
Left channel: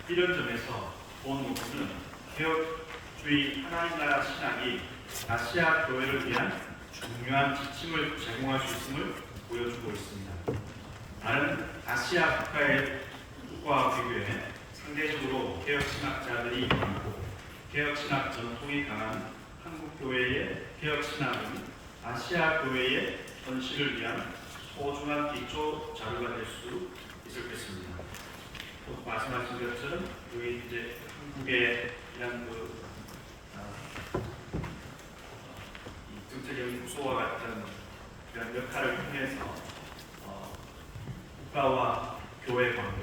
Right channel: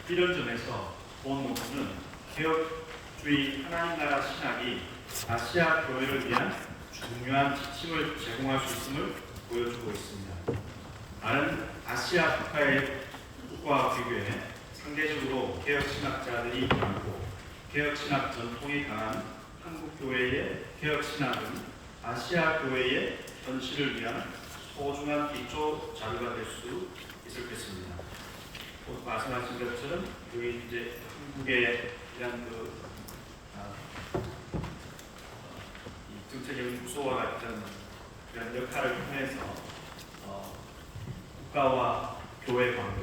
이런 점에서 본 논문은 개혁주의 하나님 나라 신학이 아시아 교회를 위한 중요한 지침을 제공할 수 있음을 보여주고 있습니다. 다른 아시아 국가와 비교해 상대적으로 개혁신학자들이 많고 개혁신학 전통이 강한 한국 교회의 개혁신학은 아시아 교회의 전시를 위한 소중한 기초 자료가 될 수 있을 것입니다. 또 말씀하신 것처럼 여기 이제 한국의 이런 정책연구소와 같은 이런 역할을 통해서 국가와 교회 관계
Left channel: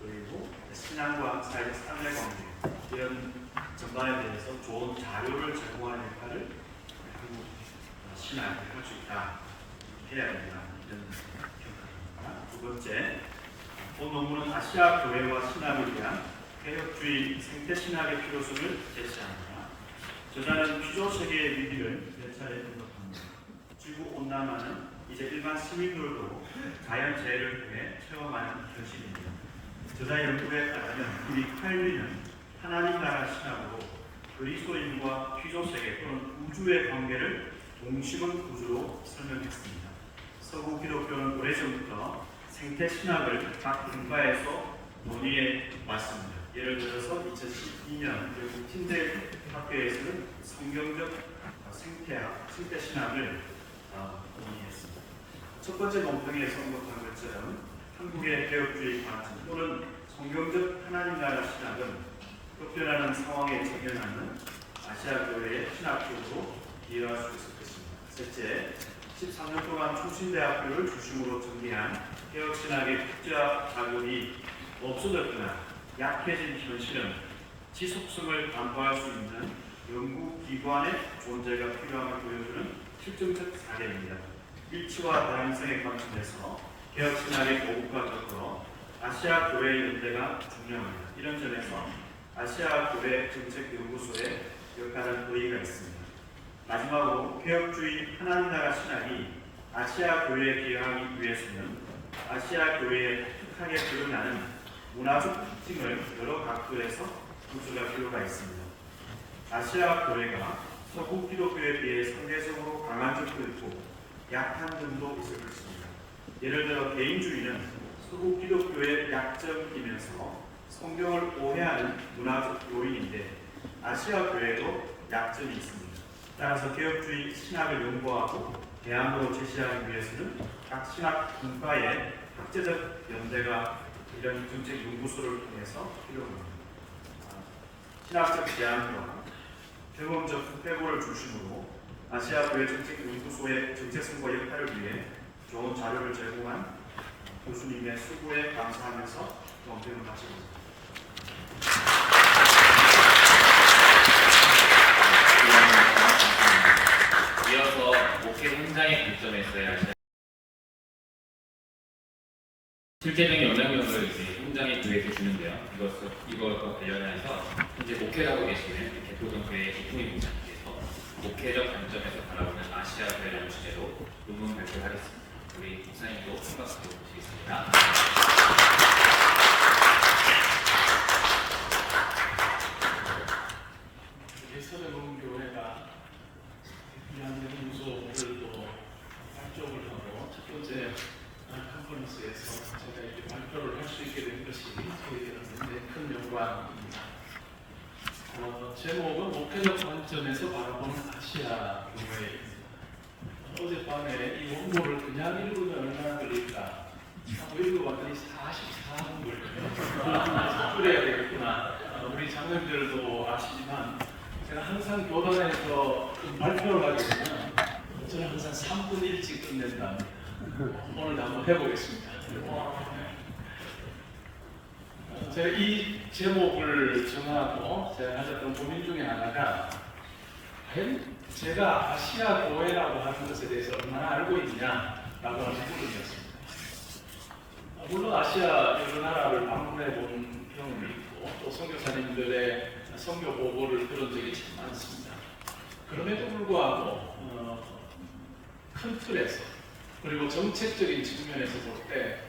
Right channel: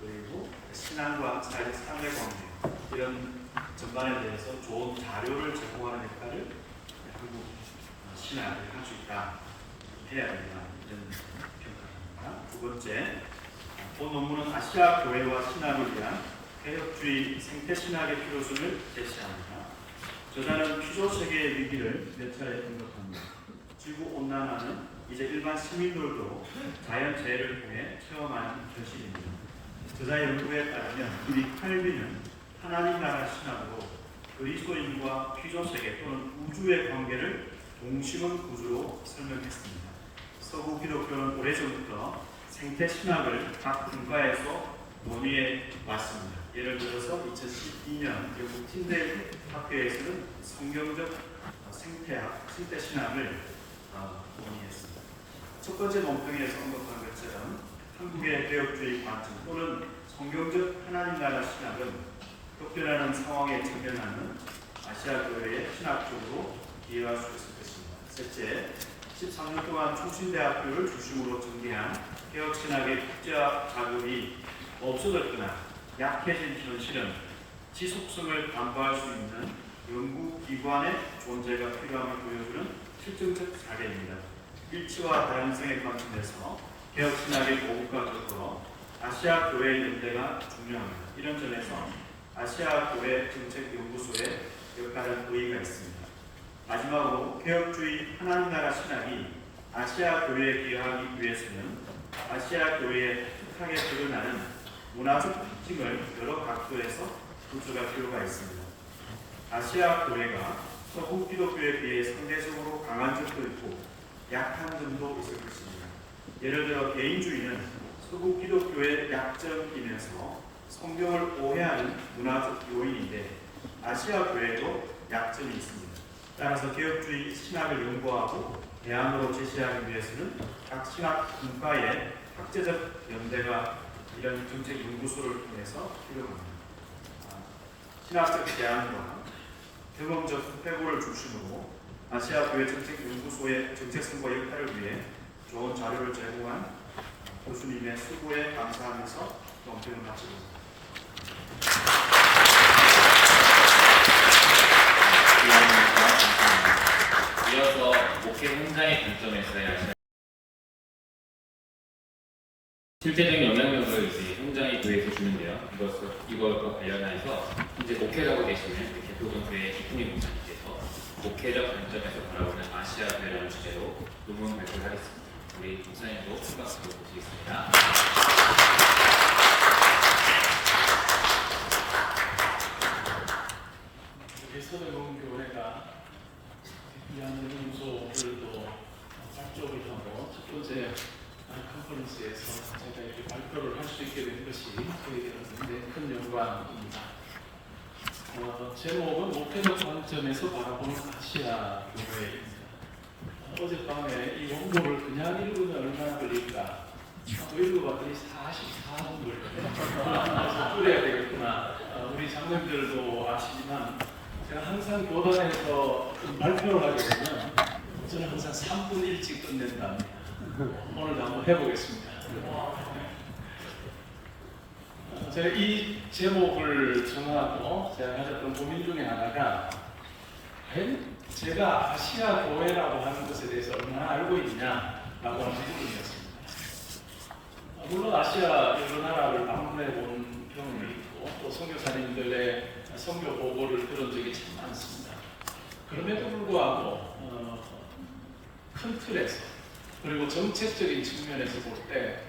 그리고 신앙과 사회적 삶의 관계 이런 전반에 대해서 좋은 자료를 제공하는 역할을 한국 신학이 할 수 있다 해야 됩니다. 이런 평가입니다. 두 번째, 본 논문은 아시아 교회와 신학을 위한 개혁주의 생태 신학의 필요성을 제시합니다. 저자는 피조 세계의 위기를 몇 차례 언급합니다. 지구 온난화는 이제 일반 시민들도 자연재해를 통해 체험하는 현실입니다. 저자의 연구에 따르면 우리 칼빈은 하나님 나라 신학으로 그리스도인과 피조 세계 또는 우주의 관계를 동심은 구조로 설명했습니다. 서구 기독교는 오래전부터 생태 신학을 각 분과에서 논의해 왔습니다. 예를 들어서 2012년 영국 틴델 학교에서는 성경적 생태학, 생태 신학을 논의했습니다. 첫 번째 논평에서 언급한 것처럼 한국의 개혁주의 관점 또는 성경적 하나님 나라 신학은 격변하는 상황에 적용하는 아시아 교회의 신학적으로 이해할 수 있을 것입니다. 셋째, 13년 동안 총신대학교를 중심으로 전개한 개혁신학의 국제화 자금이 없어졌거나 약해진 현실은 지속성을 담보할 수 있는 연구기관의 존재가 필요함을 보여주는 실증적 사례입니다. 일치와 다양성의 관점에서 개혁신학의 고국화적으로 아시아 교회 연대가 중요합니다. 이런 점에서 아시아 교회 정책연구소의 역할은 의의가 있습니다. 마지막으로 개혁주의 하나님 나라 신학이 아시아 교회에 기여하기 위해서는 아시아 교회의 독특하게 드러나는 문화적 특징을 여러 각도에서 구조할 필요가 있습니다. 아시아 교회가 서구 기독교에 비해 상대적으로 강한 점도 있고 약한 점도 있을 것입니다. 예를 들어 개인주의는 서구 기독교의 약점이면서 성경을 오해하는 문화적 요인인데 아시아 교회에도 약점이 있습니다. 따라서 개혁주의 신학을 연구하고 대안으로 제시하기 위해서는 각 신학 분과의 학제적 연대가 이런 정책 연구소를 통해서 필요합니다. 신학적 대안과 경험적 회고를 중심으로 아시아 교회 정책 연구소의 정체성과 역할을 위해 좋은 자료를 제공한 교수님의 수고에 감사하면서 논평을 마치겠습니다. 이어서 목회 현장의 관점에서의 실제적인 영향력을 이제 현장의 교회에서 주는데요. 이것과 관련해서 이제 목회자고 계시는 개표동교회 김풍희 목사님께서 목회적 관점에서 바라보는 아시아 교회라는 주제로 논문 발표하겠습니다. 우리 목사님도 큰 박수로 모시겠습니다. 서대공교회가 연구소를 또 발족을 하고 첫 번째 컨퍼런스에서 제가 이렇게 발표를 할 수 있게 된 것이 저희에게 굉장히 큰 영광입니다. 제목은 목회적 관점에서 바라보는 아시아 교회입니다. 어젯밤에 이 원고를 그냥 읽으면 얼마나 걸릴까 하고 읽어봤더니 44분 걸렸거든요. 줄여야 되겠구나. 우리 장면들도 아시지만 제가 항상 교단에서 발표를 하게 되면 저는 항상 3분 일찍 끝낸다. 오늘 한번 해보겠습니다. 제가 이 제목을 정하고 제가 가졌던 고민 중에 하나가 제가 아시아 교회라고 하는 것에 대해서 얼마나 알고 있냐라고 하는 부분이었습니다. 물론 아시아 여러 나라를 방문해 본 경험이 있고 또 선교사님들의 선교 보고를 들은 적이 참 많습니다. 그럼에도 불구하고 큰 틀에서 그리고 정책적인 측면에서 볼 때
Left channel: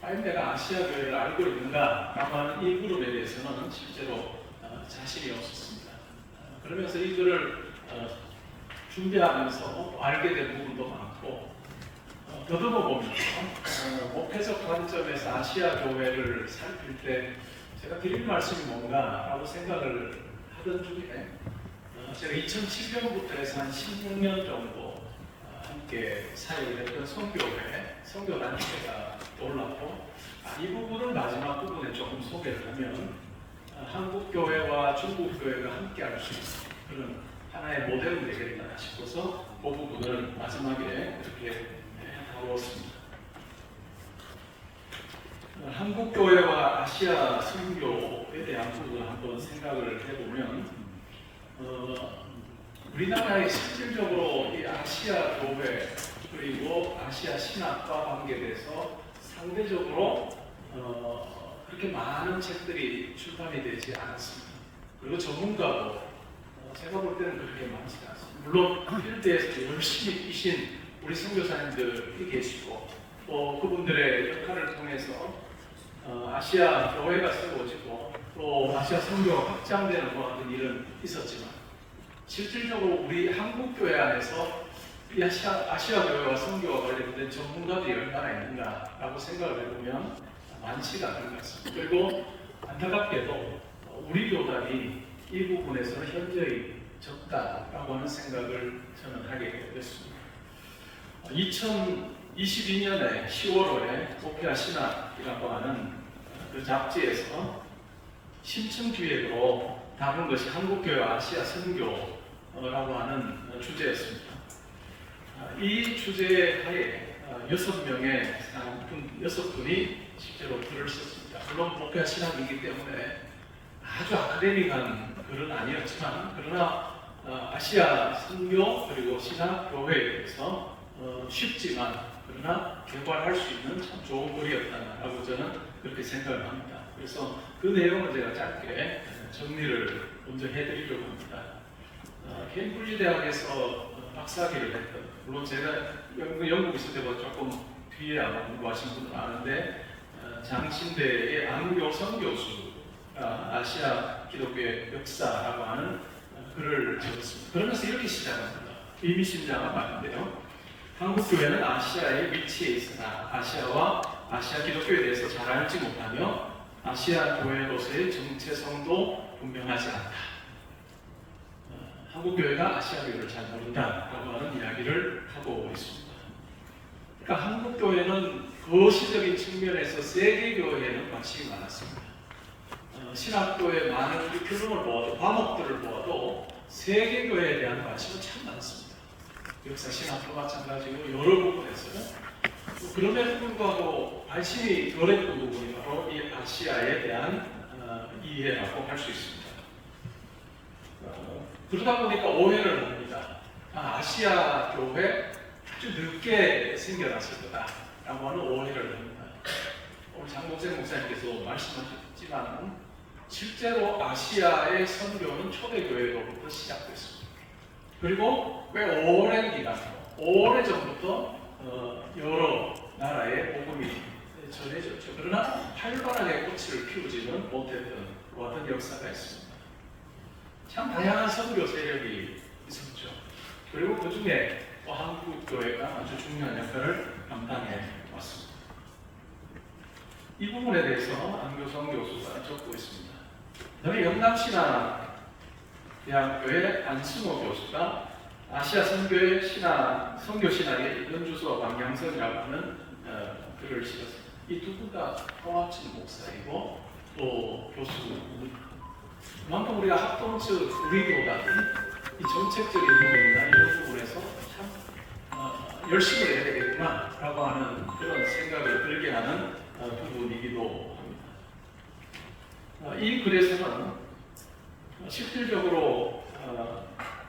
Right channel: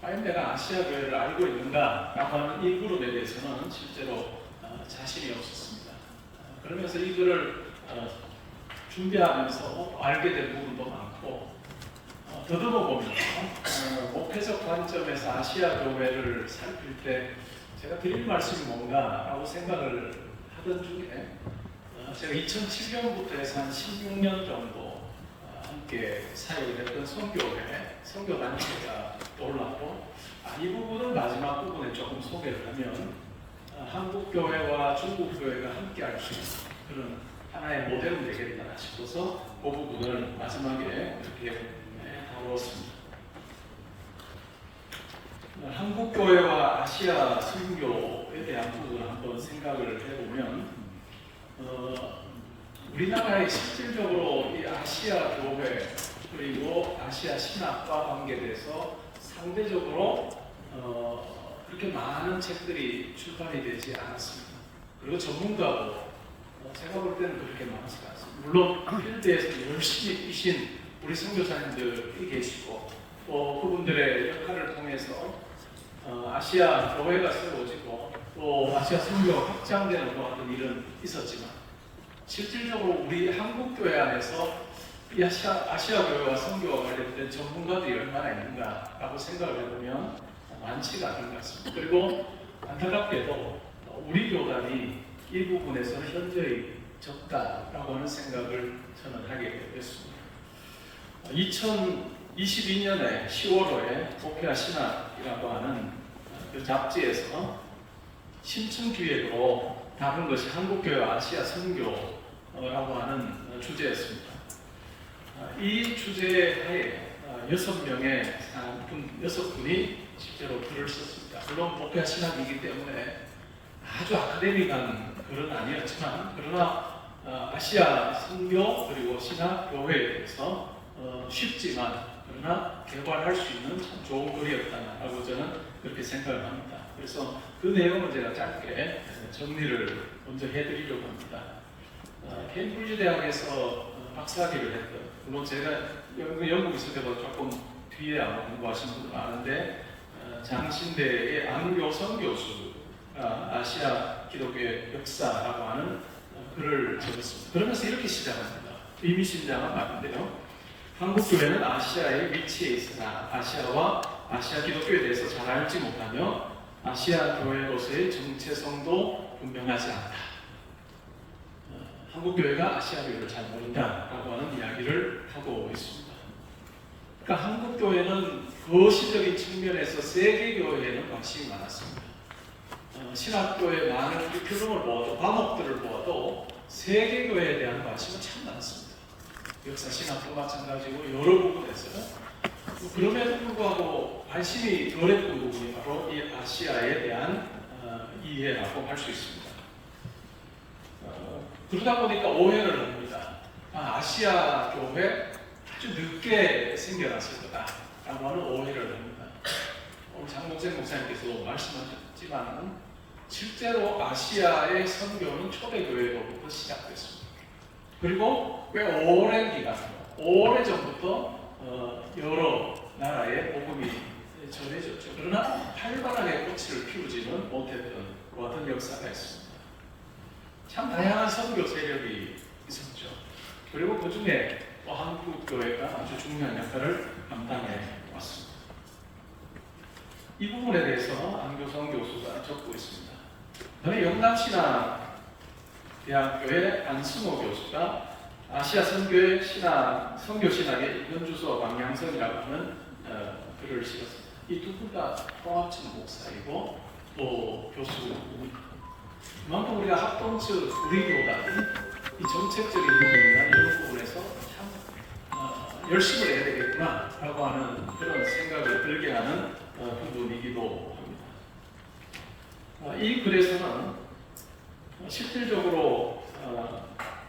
과연 내가 아시아 교회를 알고 있는가라고 하는 이 부분에 대해서는 실제로 자신이 없었습니다. 그러면서 이 글을 준비하면서 알게 된 부분도 많고 더듬어 보면 목회적 관점에서 아시아 교회를 살필 때 제가 드릴 말씀이 뭔가라고 생각을 하던 중에 제가 2007년부터 해서 한 16년 정도 함께 사역을 했던 선교단체가 떠올랐고 이 부분을 마지막 부분에 조금 소개를 하면 한국 교회와 중국 교회가 함께 할 수 있는 그런 하나의 모델은 되겠다 싶어서 그 부분을 마지막에 이렇게 다루었습니다. 한국 교회와 아시아 선교에 대한 부분을 한번 생각을 해보면 우리나라의 실질적으로 이 아시아 교회 그리고 아시아 신학과 관계돼서 상대적으로 그렇게 많은 책들이 출판이 되지 않았습니다. 그리고 전문가도 제가 볼 때는 그렇게 많지 않습니다. 물론 필드에서 열심히 뛰신 우리 선교사님들이 계시고 또 그분들의 역할을 통해서 아시아 교회가 세워지고 또 아시아 선교가 확장되는 것 같은 일은 있었지만 실질적으로 우리 한국 교회 안에서 이 아시아 교회와 선교와 관련된 전문가들이 얼마나 있는가라고 생각을 해보면 많지가 않은 것 같습니다. 그리고 안타깝게도 우리 교단이 이 부분에서 현저히 적다라고 하는 생각을 저는 하게 됐습니다. 2022년에 10월호에 목회와 신학이라고 하는 그 잡지에서 심층 기획으로 다룬 것이 한국교회와 아시아 선교라고 하는 주제였습니다. 이 주제 하에 6분이 실제로 글을 썼습니다. 물론 목회와 신학이기 때문에 아주 아카데믹한 글은 아니었지만 그러나 아시아 선교 그리고 신학 교회에 대해서 쉽지만 그러나 개발할 수 있는 참 좋은 글이었다라고 저는 그렇게 생각을 합니다. 그래서 그 내용을 제가 짧게 정리를 먼저 해드리려고 합니다. 케임브리지 대학에서 박사학위를 했던 물론 제가 영국 있을 때도 조금 뒤에 아마 공부하신 분들 많은데 장신대의 안교성 교수가 아시아 기독교의 역사라고 하는 글을 적었습니다. 그러면서 이렇게 시작합니다. 의미심장한 말인데요. 한국교회는 아시아의 위치에 있으나 아시아와 아시아 기독교에 대해서 잘 알지 못하며 아시아 교회로서의 정체성도 분명하지 않다. 한국교회가 아시아 교회를 잘 모른다라고 하는 이야기를 하고 있습니다. 그러니까 한국교회는 거시적인 측면에서 세계교회에는 관심이 많았습니다. 신학교의 많은 교훈을 보아도 과목들을 보아도 세계교회에 대한 관심은 참 많습니다. 역사 신학도 마찬가지고 여러 부분에서 그럼에도 불구하고 관심이 덜했던 부분이 바로 이 아시아에 대한 이해라고 할 수 있습니다. 그러다 보니까 오해를 합니다. 아시아 교회 아주 늦게 생겨났을 거다라고 하는 오해를 합니다. 오늘 장목생 목사님께서 말씀하셨지만 실제로 아시아의 선교는 초대교회로부터 시작됐습니다. 그리고 꽤 오랜 기간, 오래전부터 여러 나라의 복음이 전해졌죠. 그러나 활발하게 꽃을 피우지는 못했던 어떤 역사가 있습니다. 참 다양한 선교 세력이 있었죠. 그리고 그 중에 한국 교회가 아주 중요한 역할을 감당해 왔습니다. 이 부분에 대해서 안교성 교수가 적고 있습니다. 저는 영남신학 대학교의 안승호 교수가 아시아 선교의 선교 신학의 연주소 방향성이라고 하는 글을 실었습니다. 이 두 분 다 통합진 목사이고 또 교수입니다. 그만큼 우리가 합동적 우리교단은 이 정책적인 부분이나 이런 부분에서 참 열심히 해야 되겠구나라고 하는 그런 생각을 들게 하는 부분이기도 합니다. 이 글에서는 실질적으로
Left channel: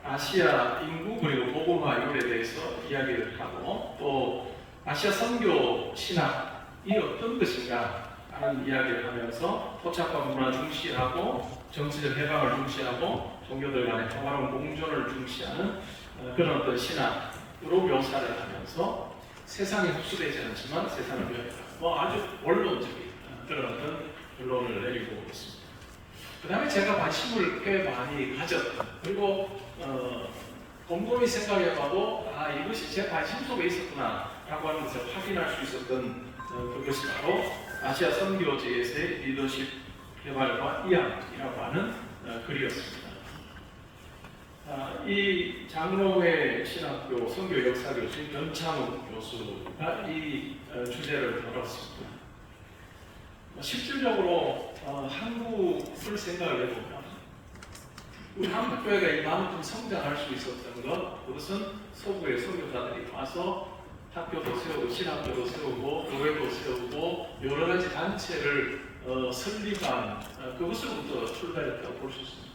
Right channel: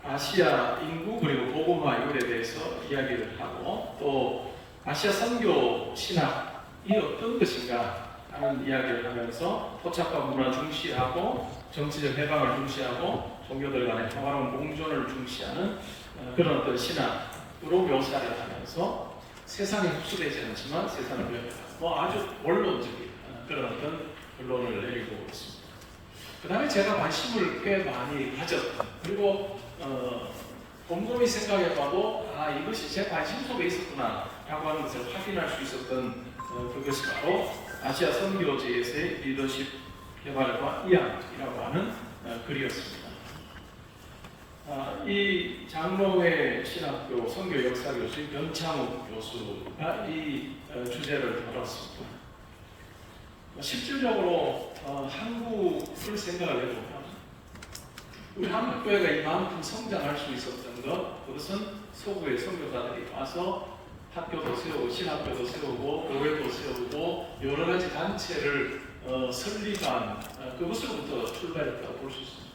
아시아 인구 그리고 복음화 이율에 대해서 이야기를 하고 또 아시아 선교 신학이 어떤 것인가 하는 이야기를 하면서 토착과 문화 중시하고 정치적 해방을 중시하고 종교들 간의 평화로운 공존을 중시하는 그런 어떤 신학으로 묘사를 하면서 세상이 흡수되지 않지만 세상을 위해 아주 원론적인 그런 어떤 결론을 내리고 있습니다. 그 다음에 제가 관심을 꽤 많이 가졌던 그리고 곰곰이 생각해봐도 이것이 제 관심 속에 있었구나 라고 하는 것을 확인할 수 있었던 그것이 바로 아시아 선교지에서의 리더십 개발과 이양이라고 하는 글이었습니다. 이 장로회 신학교 선교 역사 교수인 변창욱 교수가 이 주제를 다뤘습니다. 실질적으로 한국을 생각을 해보면 우리 한국교회가 이만큼 성장할 수 있었던 그것은 서구의 선교사들이 와서 학교도 세우고 신학교도 세우고 교회도 세우고 여러 가지 단체를 설립한 그것으로부터 출발했다고 볼 수 있습니다.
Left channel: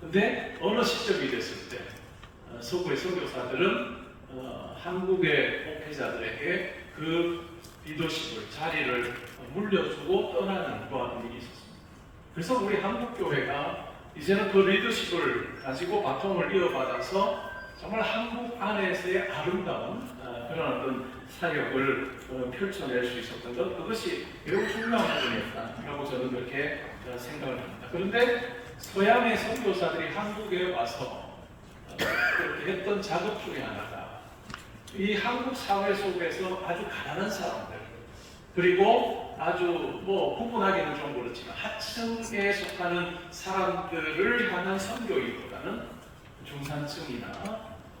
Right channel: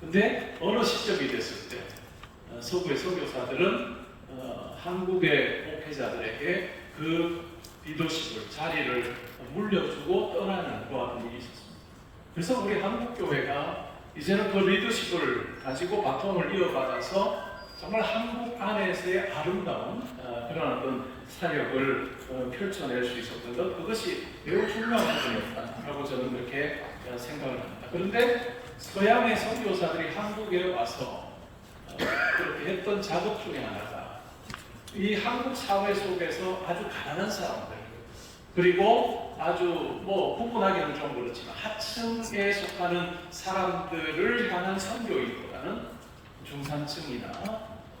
근데 어느 시점이 됐을 때 서구의 선교사들은 한국의 목회자들에게 그 리더십을 자리를 물려주고 떠나는 그런 일이 있었습니다. 그래서 우리 한국교회가 이제는 그 리더십을 가지고 바통을 이어받아서 정말 한국 안에서의 아름다운 그런 어떤 사역을 펼쳐낼 수 있었던 것, 그것이 매우 중요한 부분이었다라고 저는 그렇게 생각을 합니다. 그런데 서양의 선교사들이 한국에 와서 그렇게 했던 작업 중에 하나가 이 한국 사회 속에서 아주 가난한 사람들 그리고 아주 구분하기는 좀 그렇지만 하층에 속하는 사람들을 향한 선교이보다는 중산층이나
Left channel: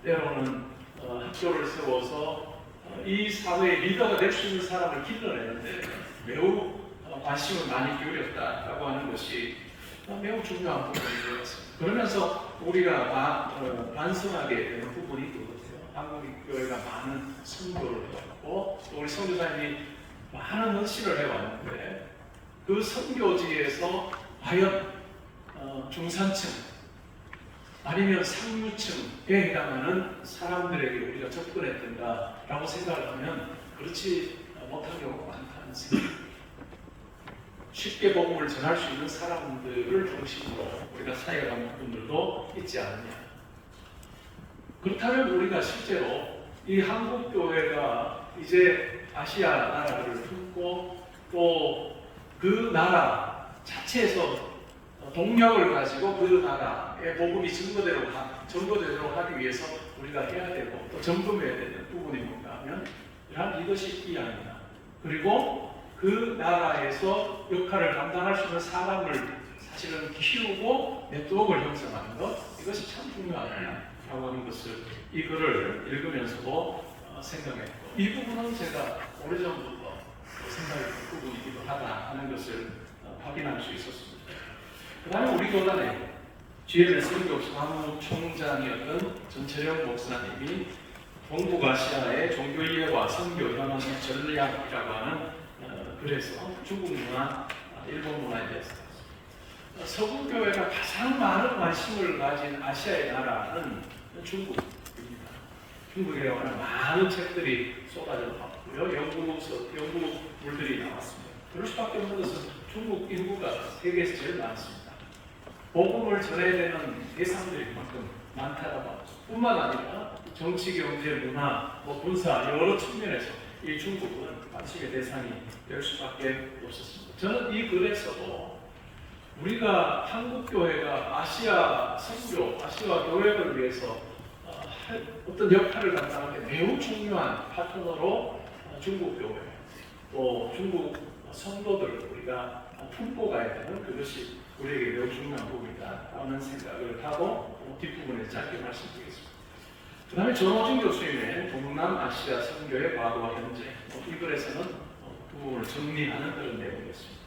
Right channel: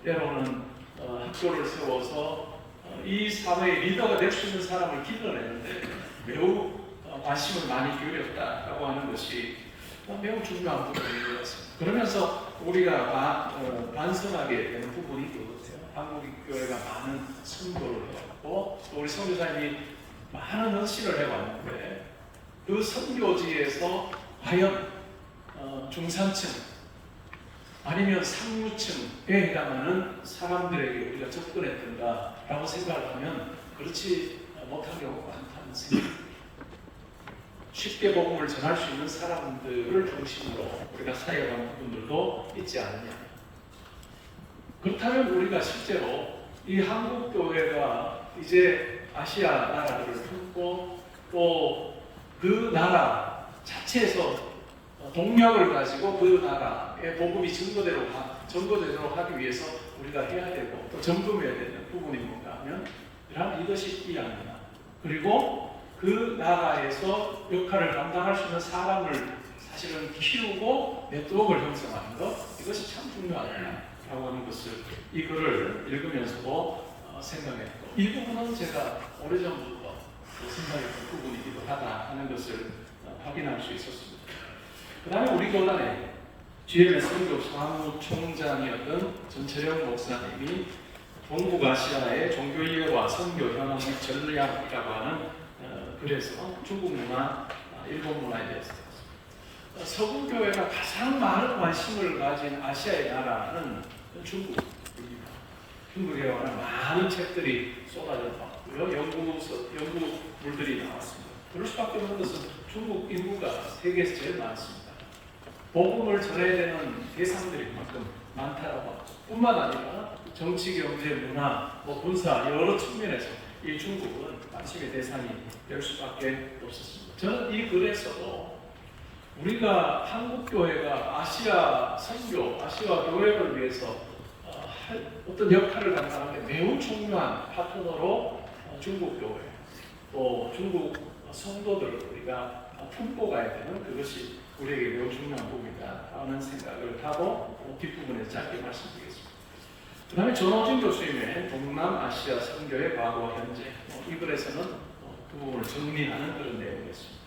때로는 학교를 세워서 이 사회의 리더가 될 수 있는 사람을 길러내는데 매우 관심을 많이 기울였다라고 하는 것이 매우 중요한 부분인 것 같습니다. 그러면서 우리가 반성하게 되는 부분이 그것이에요. 한국 교회가 많은 선교를 해왔고 우리 선교사님이 많은 헌신을 해왔는데 그 선교지에서 과연 중산층 아니면 상류층에 해당하는 사람들에게 우리가 접근했던가라고 생각을 하면 그렇지 못한 경우가 많다는 생각. 쉽게 복음을 전할 수 있는 사람들을 중심으로 우리가 사역하는 분들도 있지 않느냐. 그렇다면 우리가 실제로 이 한국 교회가 이제 아시아 나라를 품고 또 그 나라 자체에서 동력을 가지고 그 나라의 복음이 전거되도록 하기 위해서 우리가 해야 되고 또 점검해야 되는 부분이 뭔가 하면 이러한 리더십 이야기입니다. 그리고 그 나라에서 역할을 감당할 수 있는 사람을 사실은 키우고 네트워크를 형성하는 것 이것이 참 중요하다라고 하는 것을 이 글을 읽으면서도 생각했고 이 부분은 제가 오래전부터 생각했던 부분이기도 하다 하는 것을 확인할 수 있었습니다. 그 다음에 우리 교단에 GMS 선교 사무총장이었던 전철영 목사님이 동북아시아의 종교이해와 선교 현황 전략이라고 하는 글에서 중국 문화, 일본 문화에 대해서 서구 교회가 가장 많은 관심을 가진 아시아의 나라는 중국입니다. 중국에 관한 많은 책들이 쏟아져 나왔고요. 연구물들이 나왔습니다. 그럴 수밖에 없는 것은 중국 인구가 세계에서 제일 많습니다. 복음을 전해야 되는 대상들이 그만큼 많다라고 뿐만 아니라 정치, 경제, 문화, 군사 여러 측면에서 이 중국은 관심의 대상이 될 수밖에 없었습니다. 저는 이 글에서도 우리가 한국교회가 아시아 선교, 아시아 교회를 위해서 어떤 역할을 감당하는데 매우 중요한 파트너로 중국교회, 또 중국 성도들을 우리가 품고 가야 되는 그것이 우리에게 매우 중요한 부분이다라는 생각을 하고 뒷부분에 짧게 말씀드리겠습니다. 그 다음에 전호진 교수님의 동남아시아 선교의 과거와 현재, 이 글에서는 그 부분을 정리하는 그런 내용이었습니다.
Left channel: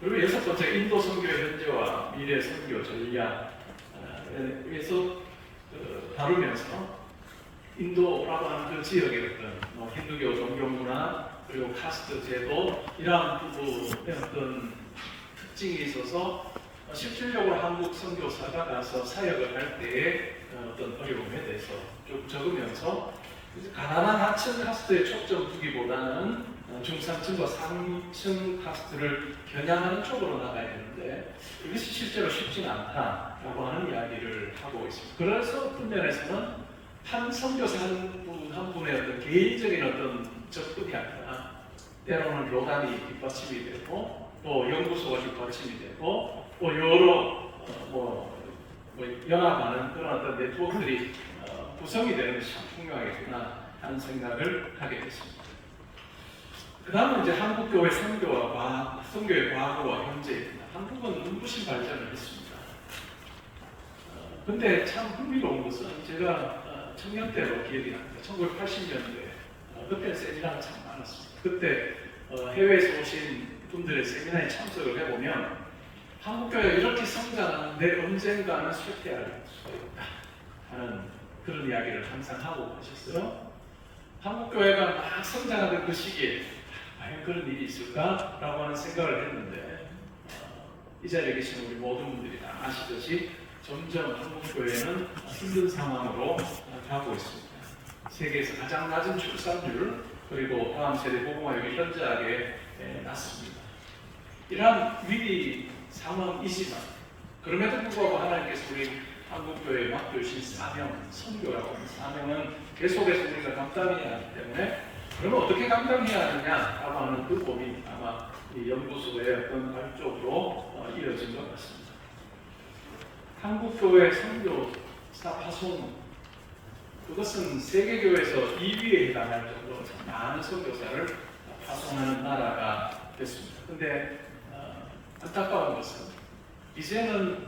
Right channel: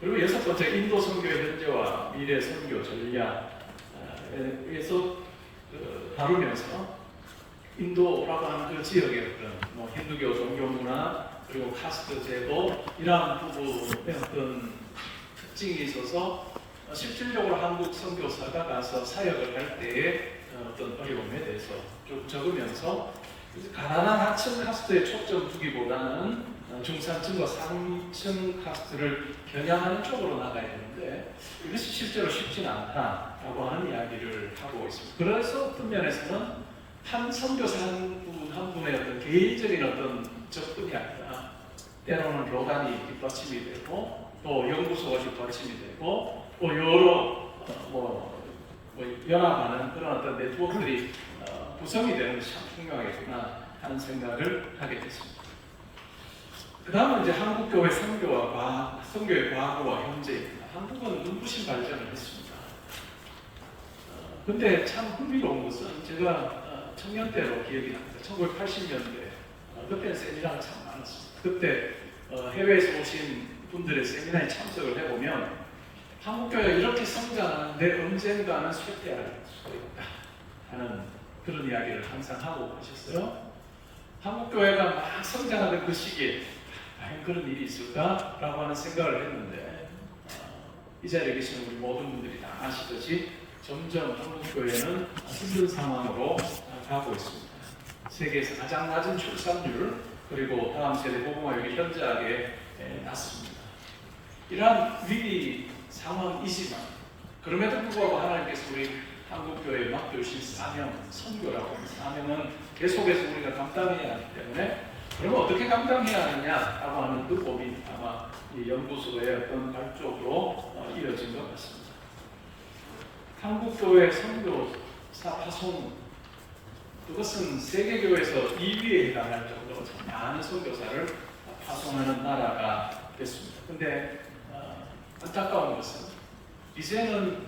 그리고 여섯 번째, 인도 선교의 현재와 미래 선교 전략에서 다루면서 인도라고 하는 그 지역의 어떤 힌두교 종교 문화 그리고 카스트 제도 이러한 부분의 어떤 특징이 있어서 실질적으로 한국 선교사가 가서 사역을 할 때의 어떤 어려움에 대해서 쭉 적으면서 가난한 하층 카스트에 초점 두기보다는 중산층과 상층 카스트를 겨냥하는 쪽으로 나가야 되는데 이것이 실제로 쉽지는 않다라고 하는 이야기를 하고 있습니다. 그래서 그 면에서는 한 선교사 한 분의 어떤 개인적인 어떤 접근이 아니라 때로는 교단이 뒷받침이 되고 또 연구소가 뒷받침이 되고 또 여러 연합하는 그런 어떤 네트워크들이 구성이 되는 것이 참 중요하겠구나 하는 생각을 하게 됐습니다. 그 다음은 이제 한국교회 선교의 과거와 현재입니다. 한국은 눈부신 발전을 했습니다. 근데 참 흥미로운 것은 제가 청년 때로 기억이 납니다. 1980년대 그때 세미나가 참 많았습니다. 그때 해외에서 오신 분들의 세미나에 참석을 해보면 한국교회가 이렇게 성장하는데 언젠가는 쇠퇴할 수도 있다 하는 그런 이야기를 항상 하고 계셨어요. 한국교회가 막 성장하던 그 시기에 과연 그런 일이 있을까라고 하는 생각을 했는데 이 자리에 계신 우리 모든 분들이 다 아시듯이 점점 한국교회는 힘든 상황으로 가고 있습니다. 세계에서 가장 낮은 출산율 그리고 다음 세대 복음화율이 현저하게 낮습니다. 이러한 위기 상황이지만 그럼에도 불구하고 하나님께서 우리 한국교회에 맡겨주신 사명, 선교라고 하는 사명은 계속해서 우리가 감당해야 하기 때문에 그러면 어떻게 감당해야 하느냐라고 하는 그 법이 아마 이 연구소의 어떤 발족으로 이어진 것 같습니다. 한국교회 선교사 파송 그것은 세계교회에서 2위에 해당할 정도로 많은 선교사를 파송하는 나라가 됐습니다. 그런데 안타까운 것은 이제는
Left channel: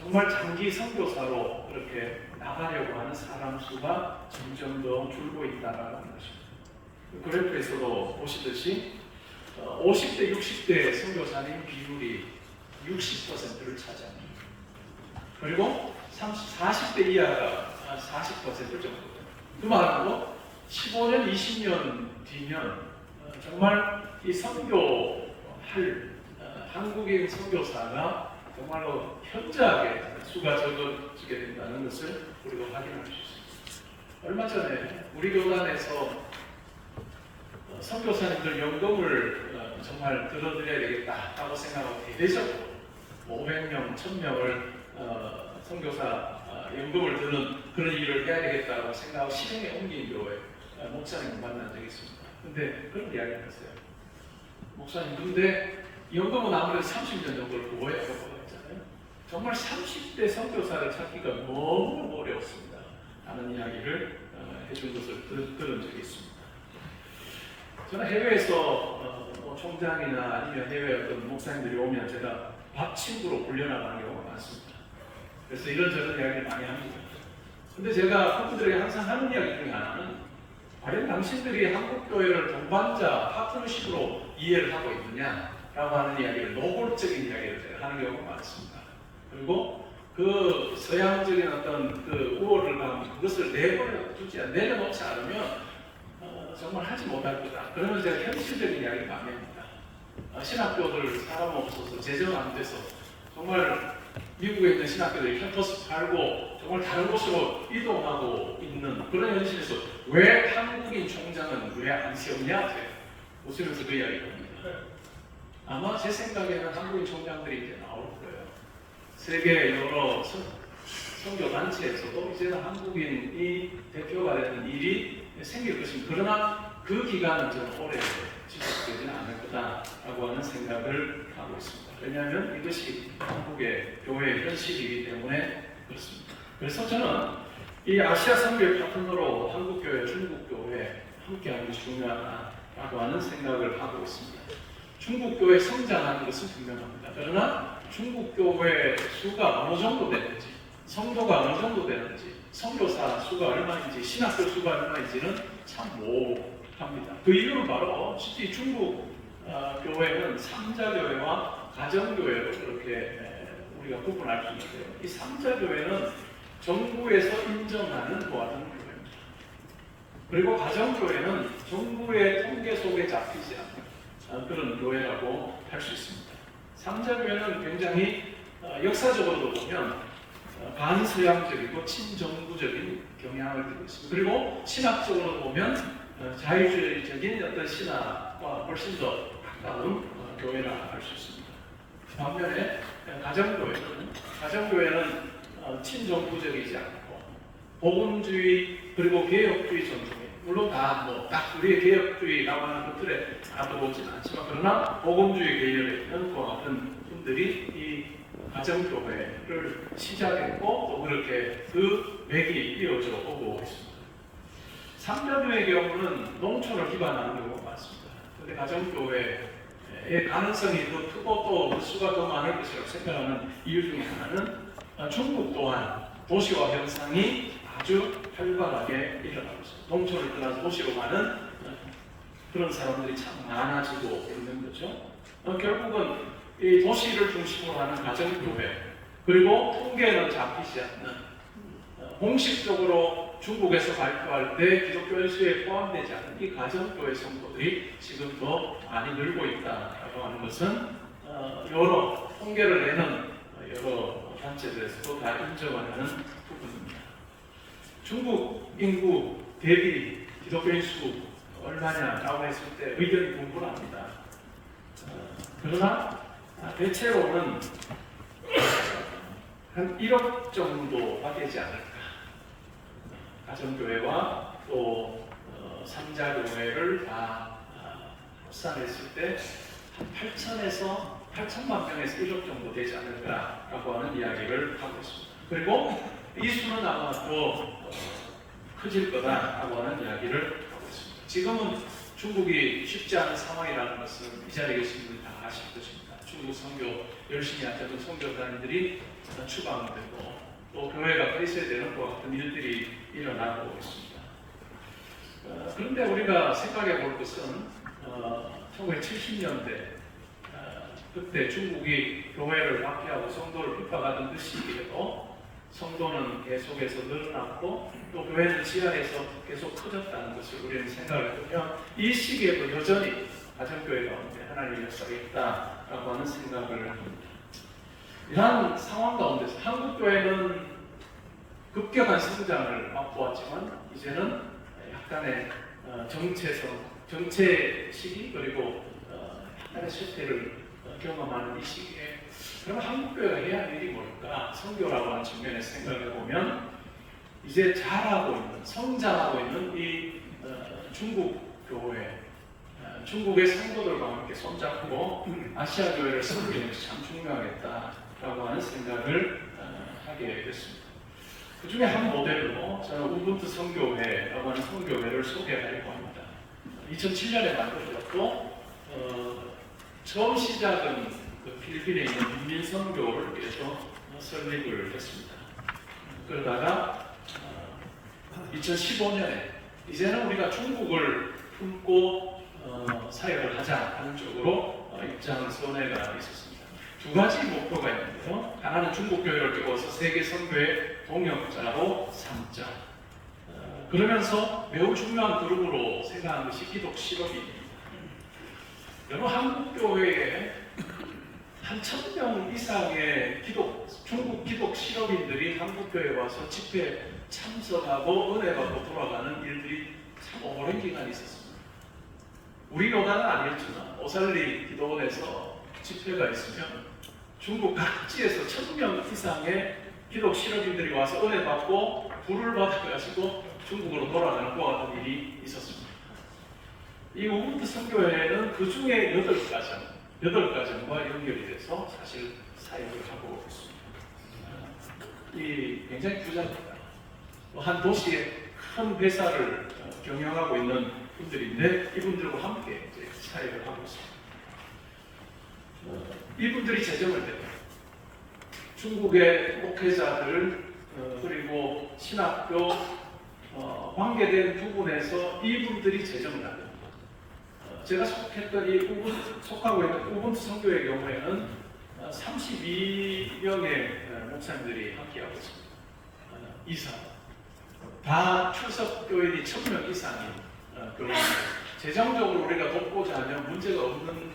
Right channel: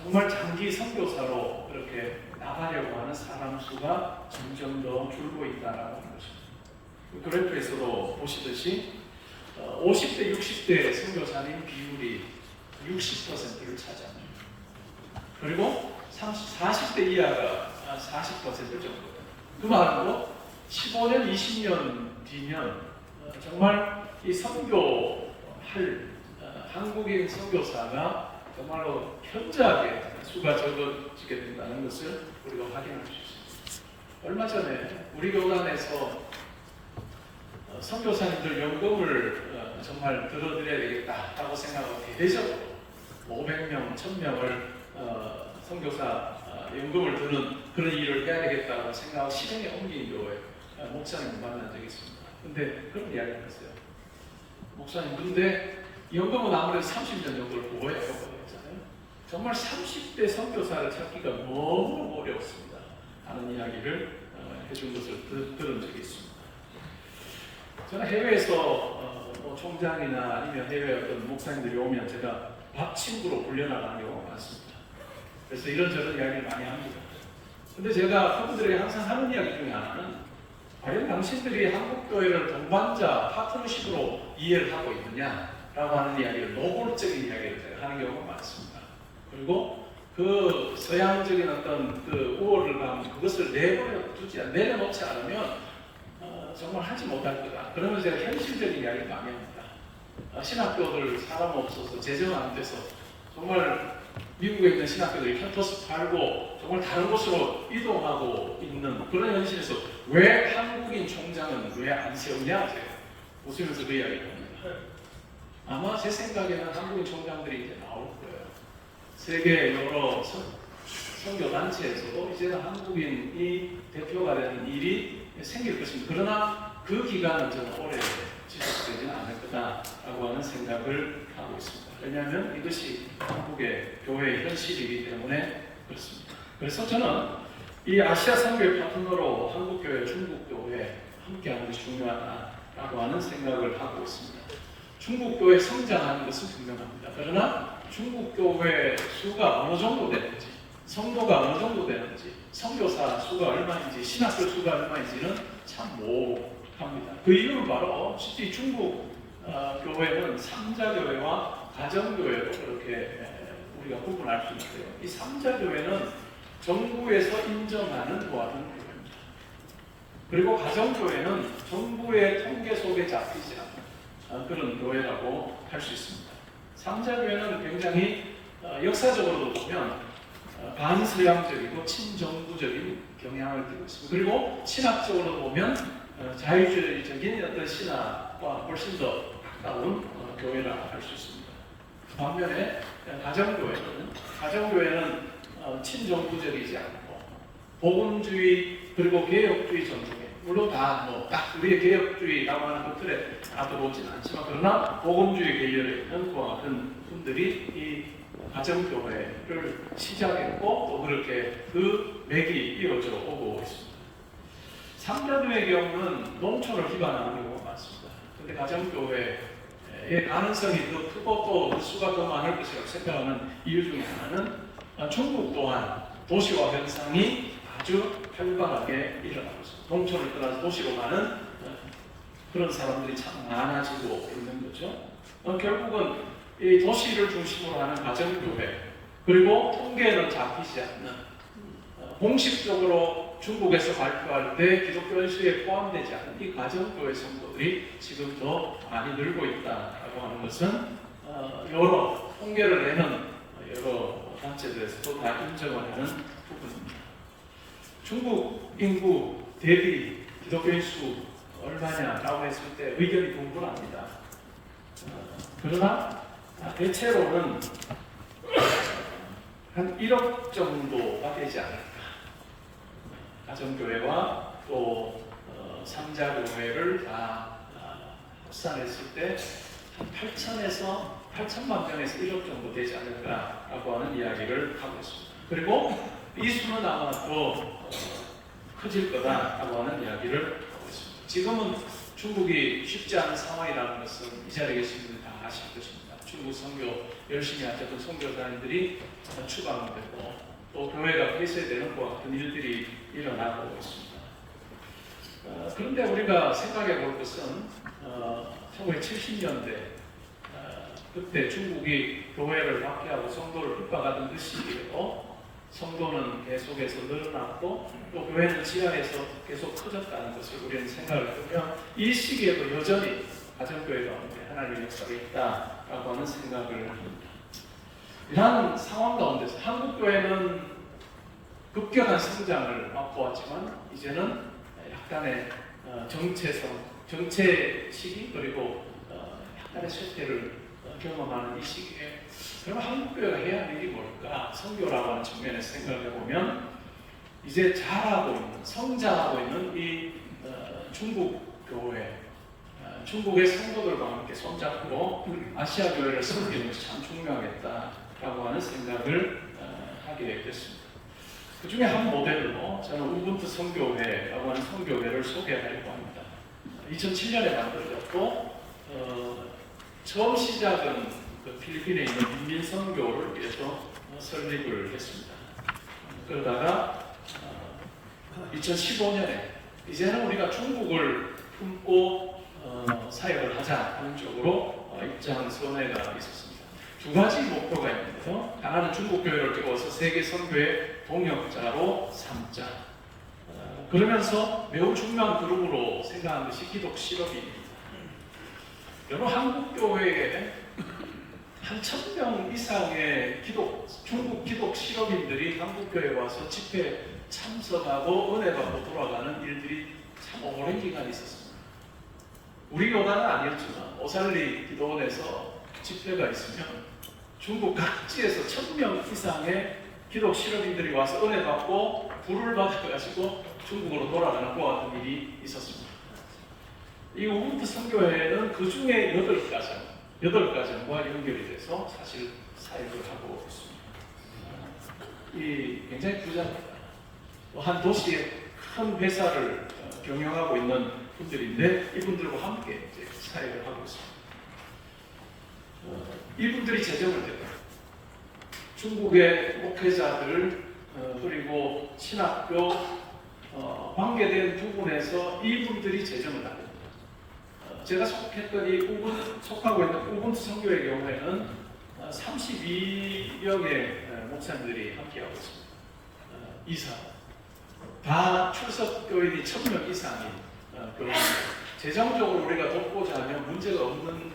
정말 장기 선교사로 그렇게 나가려고 하는 사람 수가 점점 더 줄고 있다는 것입니다. 그 그래프에서도 보시듯이 50대, 60대 선교사님 비율이 60%를 차지합니다. 그리고 40대 이하가 40% 정도. 그 말로 15년, 20년 뒤면 정말 이 선교할 한국인 선교사가 정말로 현저하게 수가 적어지게 된다는 것을 우리가 확인할 수 있습니다. 얼마 전에 우리 교단에서 선교사님들 연금을 정말 들어드려야 되겠다라고 생각하고 대대적으로 500명, 1000명을 선교사 연금을 드는 그런 일을 해야 되겠다고 생각하고 실행에 옮긴 교회 목사님을 만난 적이 있습니다. 근데 그런 이야기를 했어요. 목사님, 근데 연금은 아무래도 30년 정도를 보호해야 했잖아요. 정말 30대 선교사를 찾기가 너무 어려웠습니다. 하는 이야기를 해준 것을 들은 적이 있습니다. 저는 해외에서 총장이나 아니면 해외 어떤 목사님들이 오면 제가 밥 친구로 불려나가는 경우가 많습니다. 그래서 이런저런 이야기를 많이 합니다. 근데 제가 그분들에게 항상 하는 이야기 중에 하나는 과연 당신들이 한국교회를 동반자, 파트너십으로 이해를 하고 있느냐라고 하는 이야기를 노골적인 이야기를 제가 하는 경우가 많습니다. 그리고 그 서양적인 어떤 그 우월을 하면 그것을 내려놓지 않으면 정말 하지 못할 거다. 그러면 제가 현실적인 이야기를 많이 합니다. 신학교들 사람 없어서 재정 안 돼서 정말 미국에 있는 신학교들이 캠퍼스 팔고 정말 다른 곳으로 이동하고 있는 그런 현실에서 왜 한국인 총장은 왜 안 세우냐? 제가 웃으면서 그 이야기를 합니다. 아마 제 생각에는 한국인 총장들이 이제 나올 거예요. 세계 여러 선교 단체에서도 이제는 한국인이 대표가 되는 일이 생길 것입니다. 그러나 그 기간은 저는 오래 지속되지는 않을 거다라고 하는 생각을 하고 있습니다. 왜냐하면 이것이 한국의 교회의 현실이기 때문에 그렇습니다. 그래서 저는 이 아시아 선교의 파트너로 한국교회, 중국교회 함께하는 것이 중요하다고 하는 생각을 하고 있습니다. 중국교회 성장하는 것은 분명합니다. 그러나 중국교회 수가 어느 정도 되는지 성도가 어느 정도 되는지, 선교사 수가 얼마인지, 신학교 수가 얼마인지는 참 모호합니다. 그 이유는 바로 특히 중국 교회는 삼자교회와 가정교회로 그렇게 우리가 구분할 수 있고요. 이 삼자교회는 정부에서 인정하는 도와주는 교회입니다. 그리고 가정교회는 정부의 통계 속에 잡히지 않는 그런 교회라고 할 수 있습니다. 삼자교회는 굉장히 역사적으로도 보면 반서양적이고 친정부적인 경향을 띠고 있습니다. 그리고 신학적으로 보면 자유주의적인 어떤 신학과 훨씬 더 가까운 교회라 할 수 있습니다. 반면에 가정교회는 친정부적이지 않고 복음주의 그리고 개혁주의 전통이 물론 딱 우리의 개혁주의라고 하는 그 틀에 다 들어오지는 않지만 그러나 복음주의 계열에 있는 그와 같은 분들이 이 가정교회를 시작했고 또 그렇게 그 맥이 이어져 오고 있습니다. 삼자교회의 경우는 농촌을 기반하는 경우가 많습니다. 그런데 가정교회의 가능성이 더 크고 또 수가 더 많을 것이라고 생각하는 이유 중에 하나는 중국 또한 도시화 현상이 아주 활발하게 일어나고 있습니다. 농촌을 떠나서 도시로 가는 그런 사람들이 참 많아지고 있는 거죠. 결국은 이 도시를 중심으로 하는 가정교회 그리고 통계는 잡히지 않는 공식적으로 중국에서 발표할 때 기독교 연수에 포함되지 않는 이 가정교회 성도들이 지금 더 많이 늘고 있다고 하는 것은 여러 통계를 내는 여러 단체들에서도 다 인정하는 부분입니다. 중국 인구 대비 기독교인 수 얼마냐라고 했을 때 의견이 분분합니다. 그러나 대체로는 한 1억 정도가 되지 않을까. 가정교회와 또 삼자교회를 다 합산했을 때 한 8천에서 8천만 명에서 1억 정도 되지 않을까라고 하는 이야기를 하고 있습니다. 그리고 이 수는 아마 더 커질 거다라고 하는 이야기를 하고 있습니다. 지금은 중국이 쉽지 않은 상황이라는 것은 이 자리에 계신 분들이 다 아실 것입니다. 중국 선교 열심히 하셨던 선교사님들이 추방되고 또 교회가 폐쇄되는 것 같은 일들이 일어나고 있습니다. 그런데 우리가 생각해 볼 것은 1970년대 그때 중국이 교회를 박해하고 성도를 핍박하던 그 시기에도 성도는 계속해서 늘어났고 또 교회는 지하에서 계속 커졌다는 것을 우리는 생각을 해보면 이 시기에도 여전히 가정교회 가운데 하나님의 역사가 있다라고 하는 생각을 합니다. 이러한 상황 가운데서 한국교회는 급격한 성장을 맛보았지만 이제는 약간의 정체 시기 그리고 약간의 실패를 경험하는 이 시기에 그럼 한국교회가 해야 할 일이 뭘까? 선교라고 하는 측면에서 생각해 보면 이제 자라고 있는 성장하고 있는 이 중국 교회 중국의 성도들과 함께 손잡고 아시아 교회를 섬기는 것이 참 중요하겠다라고 하는 생각을 하게 됐습니다. 그 중에 한 모델로 저는 우분투 선교회라고 하는 선교회를 소개하려고 합니다. 2007년에 만들어졌고 처음 시작은 그 필리핀에 있는 민민선교를 위해서 설립을 했습니다. 그러다가 2015년에 이제는 우리가 중국을 품고 사역을 하자는 쪽으로 입장 선회가 있었습니다. 두 가지 목표가 있는데요. 하나는 중국 교회를 깨워서 세계 선교의 동역자로 삼자. 그러면서 매우 중요한 그룹으로 생각하는 것이 기독 실업입니다. 여러분 한국 교회에 한 1,000명 이상의 중국 기독 실업인들이 한국 교회에 와서 집회 참석하고 은혜 받고 돌아가는 일들이 참 오랜 기간 있었습니다. 우리 교단은 아니었지만 오살리 기도원에서 집회가 있으면 중국 각지에서 1,000명 이상의 기독 실업인들이 와서 은혜 받고 불을 받아가지고 중국으로 돌아가는 그와 같은 일이 있었습니다. 이 우분투 선교회는 그 중에 8가정과 연결이 돼서 사실 사역을 하고 있습니다. 이 굉장히 부자입니다. 한 도시의 큰 회사를 경영하고 있는 분들인데 이분들과 함께 이제 사역을 하고 있습니다. 이분들이 제정을 대고 중국의 목회자들 그리고 신학교 관계된 부분에서 이분들이 제정을 하게 됩니다. 제가 속하고 있는 우분투 선교의 경우에는 32명의 목사님들이 함께하고 있습니다. 이상 다 출석 교인이 1000명 이상이 재정적으로 우리가 돕고자 하면 문제가 없는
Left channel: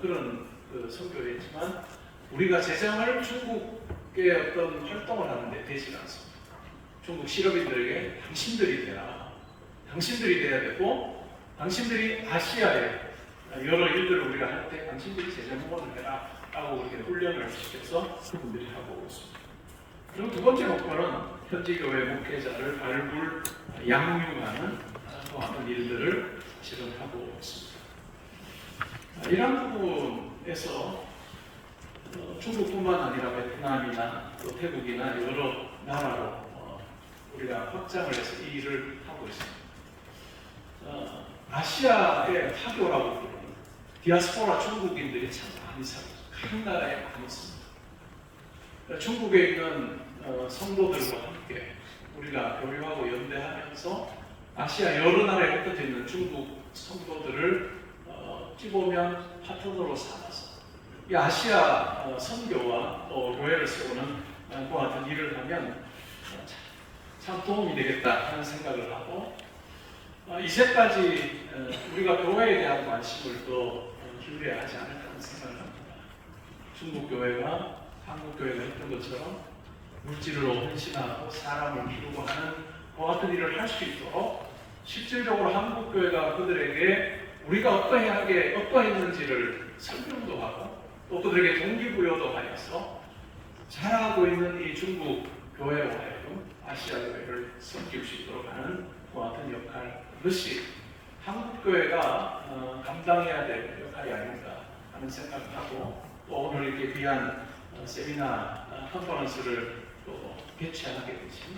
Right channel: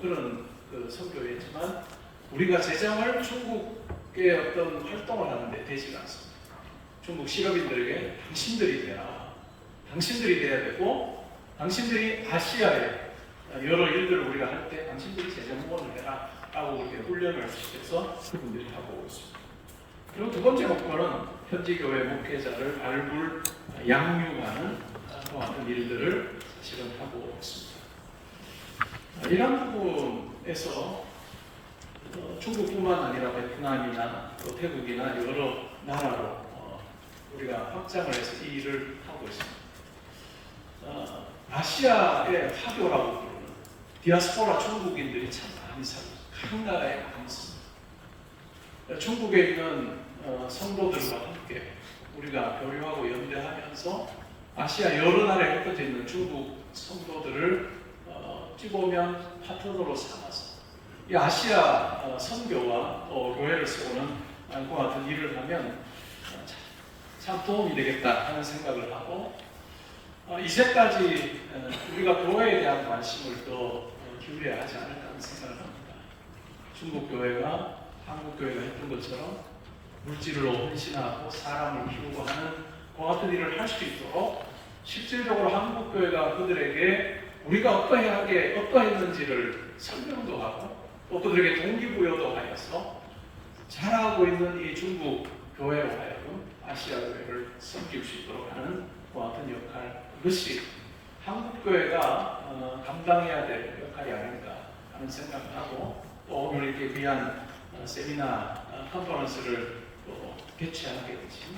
그런 선교회지만 우리가 재정을 중국의 어떤 활동을 하는데 되지가 않습니다. 중국 실업인들에게 당신들이 돼야 되고 당신들이 아시아에 여러 일들을 우리가 할 때 당신들이 재정 후원을 해라 라고 이렇게 훈련을 시켜서 그분들이 하고 있습니다. 그리고 두 번째 목표는 현지 교회 목회자를 발굴, 양육하는 그런 일들을 실현하고 있습니다. 이런 부분에서 중국뿐만 아니라 베트남이나 또 태국이나 여러 나라로 우리가 확장을 해서 이 일을 하고 있습니다. 아시아의 화교라고 부르는 디아스포라 중국인들이 참 많이 삽니다. 각 나라에 많이 있습니다. 중국에 있는 성도들과 함께 우리가 교류하고 연대하면서 아시아 여러 나라에 흩어져 있는 중국 성도들을 찌보면 파트너로 삼아서 이 아시아 선교와 또 교회를 세우는 그와 같은 일을 하면 참 도움이 되겠다 하는 생각을 하고 이제까지 우리가 교회에 대한 관심을 또 기울여야 하지 않을까 하는 생각을 합니다. 중국 교회가 한국 교회가 했던 것처럼 물질로 헌신하고 사람을 키우고 하는 그와 같은 일을 할 수 있도록 실질적으로 한국 교회가 그들에게 우리가 어떠했는지를 설명도 하고 또 그들에게 동기부여도 하여서 잘하고 있는 이 중국 교회로 하여금 아시아 교회를 섬길 수 있도록 하는 그와 같은 역할, 이것이 한국 교회가 감당해야 될 역할이 아닌가 하는 생각을 하고 또 오늘 이렇게 귀한 세미나 컨퍼런스를 또 개최하게 되신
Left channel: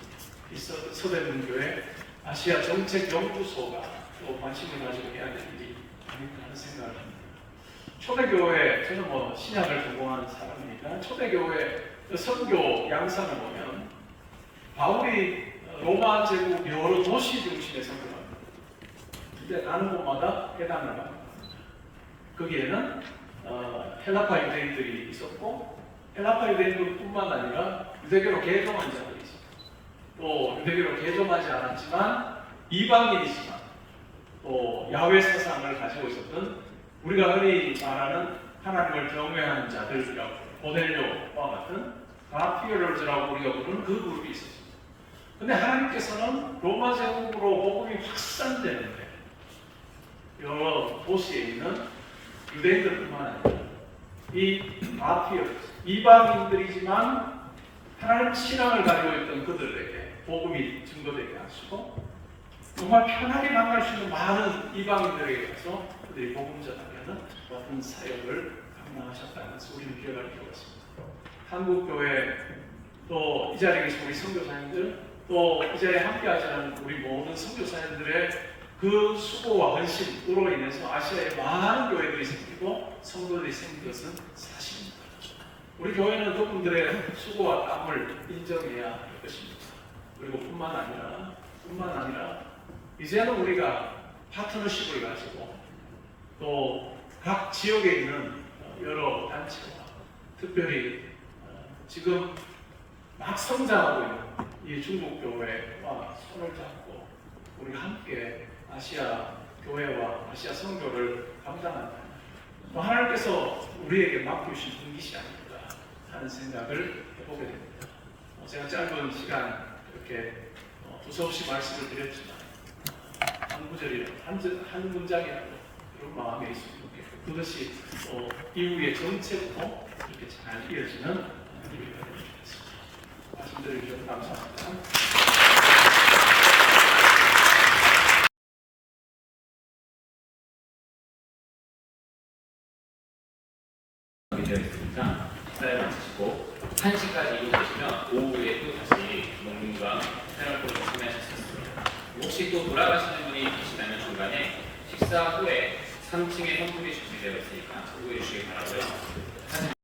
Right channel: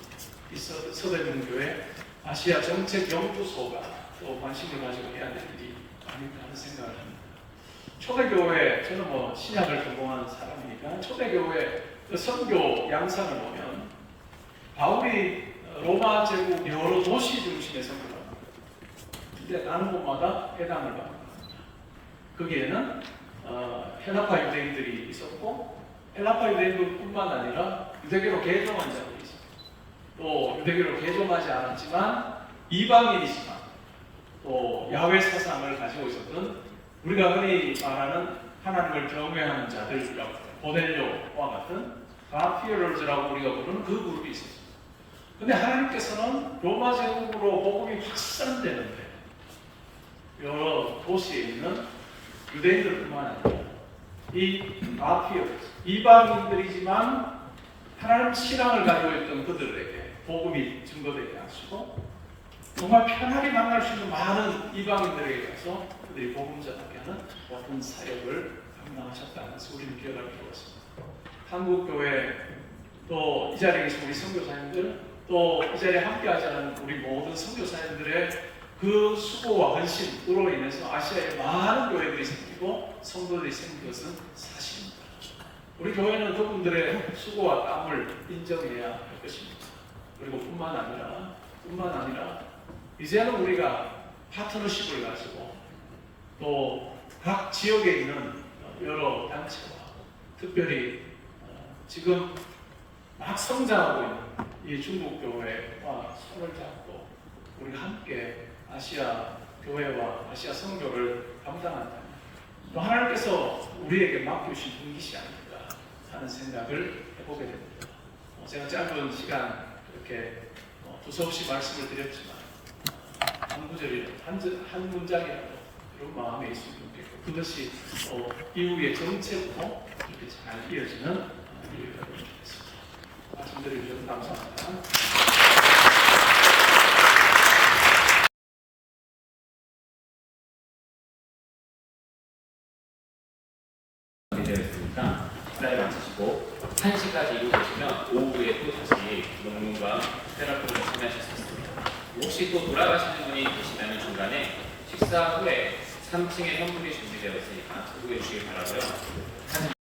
이 서대문교회 아시아 정책 연구소가 또 관심을 가지고 해야 될 일이 아닐까 하는 생각을 합니다. 초대교회, 저는 신약을 전공하는 사람이니까 초대교회 그 선교 양상을 보면 바울이 로마 제국 여러 도시 중심의 선교를 합니다. 근데 가는 곳마다 회당을 합니다. 거기에는 헬라파 유대인들이 있었고 헬라파 유대인뿐만 아니라 유대교로 개종한 자들이 있었고 또 유대교로 개종하지 않았지만 이방인이지만 또 야훼 사상을 가지고 있었던 우리가 흔히 말하는 하나님을 경외하는 자들, 고넬료와 같은 가피어럴즈라고 우리가 부르는 그 그룹이 있었습니다. 근데 하나님께서는 로마 제국으로 복음이 확산되는데 여러 도시에 있는 유대인들뿐만 아니라 이 가피어럴즈, 이방인들이지만 하나님 신앙을 가지고 있던 그들에게 복음이 증거되게 하시고 정말 편하게 만날 수 있는 많은 이방인들에게 가서 그들이 복음 전하는 같은 사역을 감당하셨다는 것을 우리는 기억할 필요가 있습니다. 한국교회 또 이 자리에 계신 우리 선교사님들 또 이 자리에 함께하지 않은 우리 모든 선교사님들의 그 수고와 헌신으로 인해서 아시아에 많은 교회들이 생기고 성도들이 생긴 것은 사실입니다. 우리 교회는 그분들의 수고와 땀을 인정해야 할 것입니다. 그리고 뿐만 아니라 이제는 우리가 파트너십을 가지고 또 각 지역에 있는 여러 단체와 특별히 지금 막 성장하고 있는 이 중국 교회와 손을 잡고 우리가 함께 아시아 교회와 아시아 선교를 감당한다면 또 하나님께서 우리에게 맡기신 분깃이 아닐까 하는 생각을 해보게 됩니다. 제가 짧은 시간 이렇게 두서없이 말씀을 드렸지만 한 구절이라도 한 문장이라도 그런 마음에 있으면 좋겠고 그것이 이후의 정책으로 이렇게 잘 이어지는 우리가 되겠습니다. 말씀 드려주셔서 감사합니다. 되었으니까 식사를 마치시고 1시까지 이루어지시면 오후에 또 다시 농민과 테라피를 참여하실 수 있습니다. 혹시 또 돌아가시는 분이 계시다면 중간에 식사 후에 3층에 현물이 준비되어 있으니까 참고해 주시기 바라고요.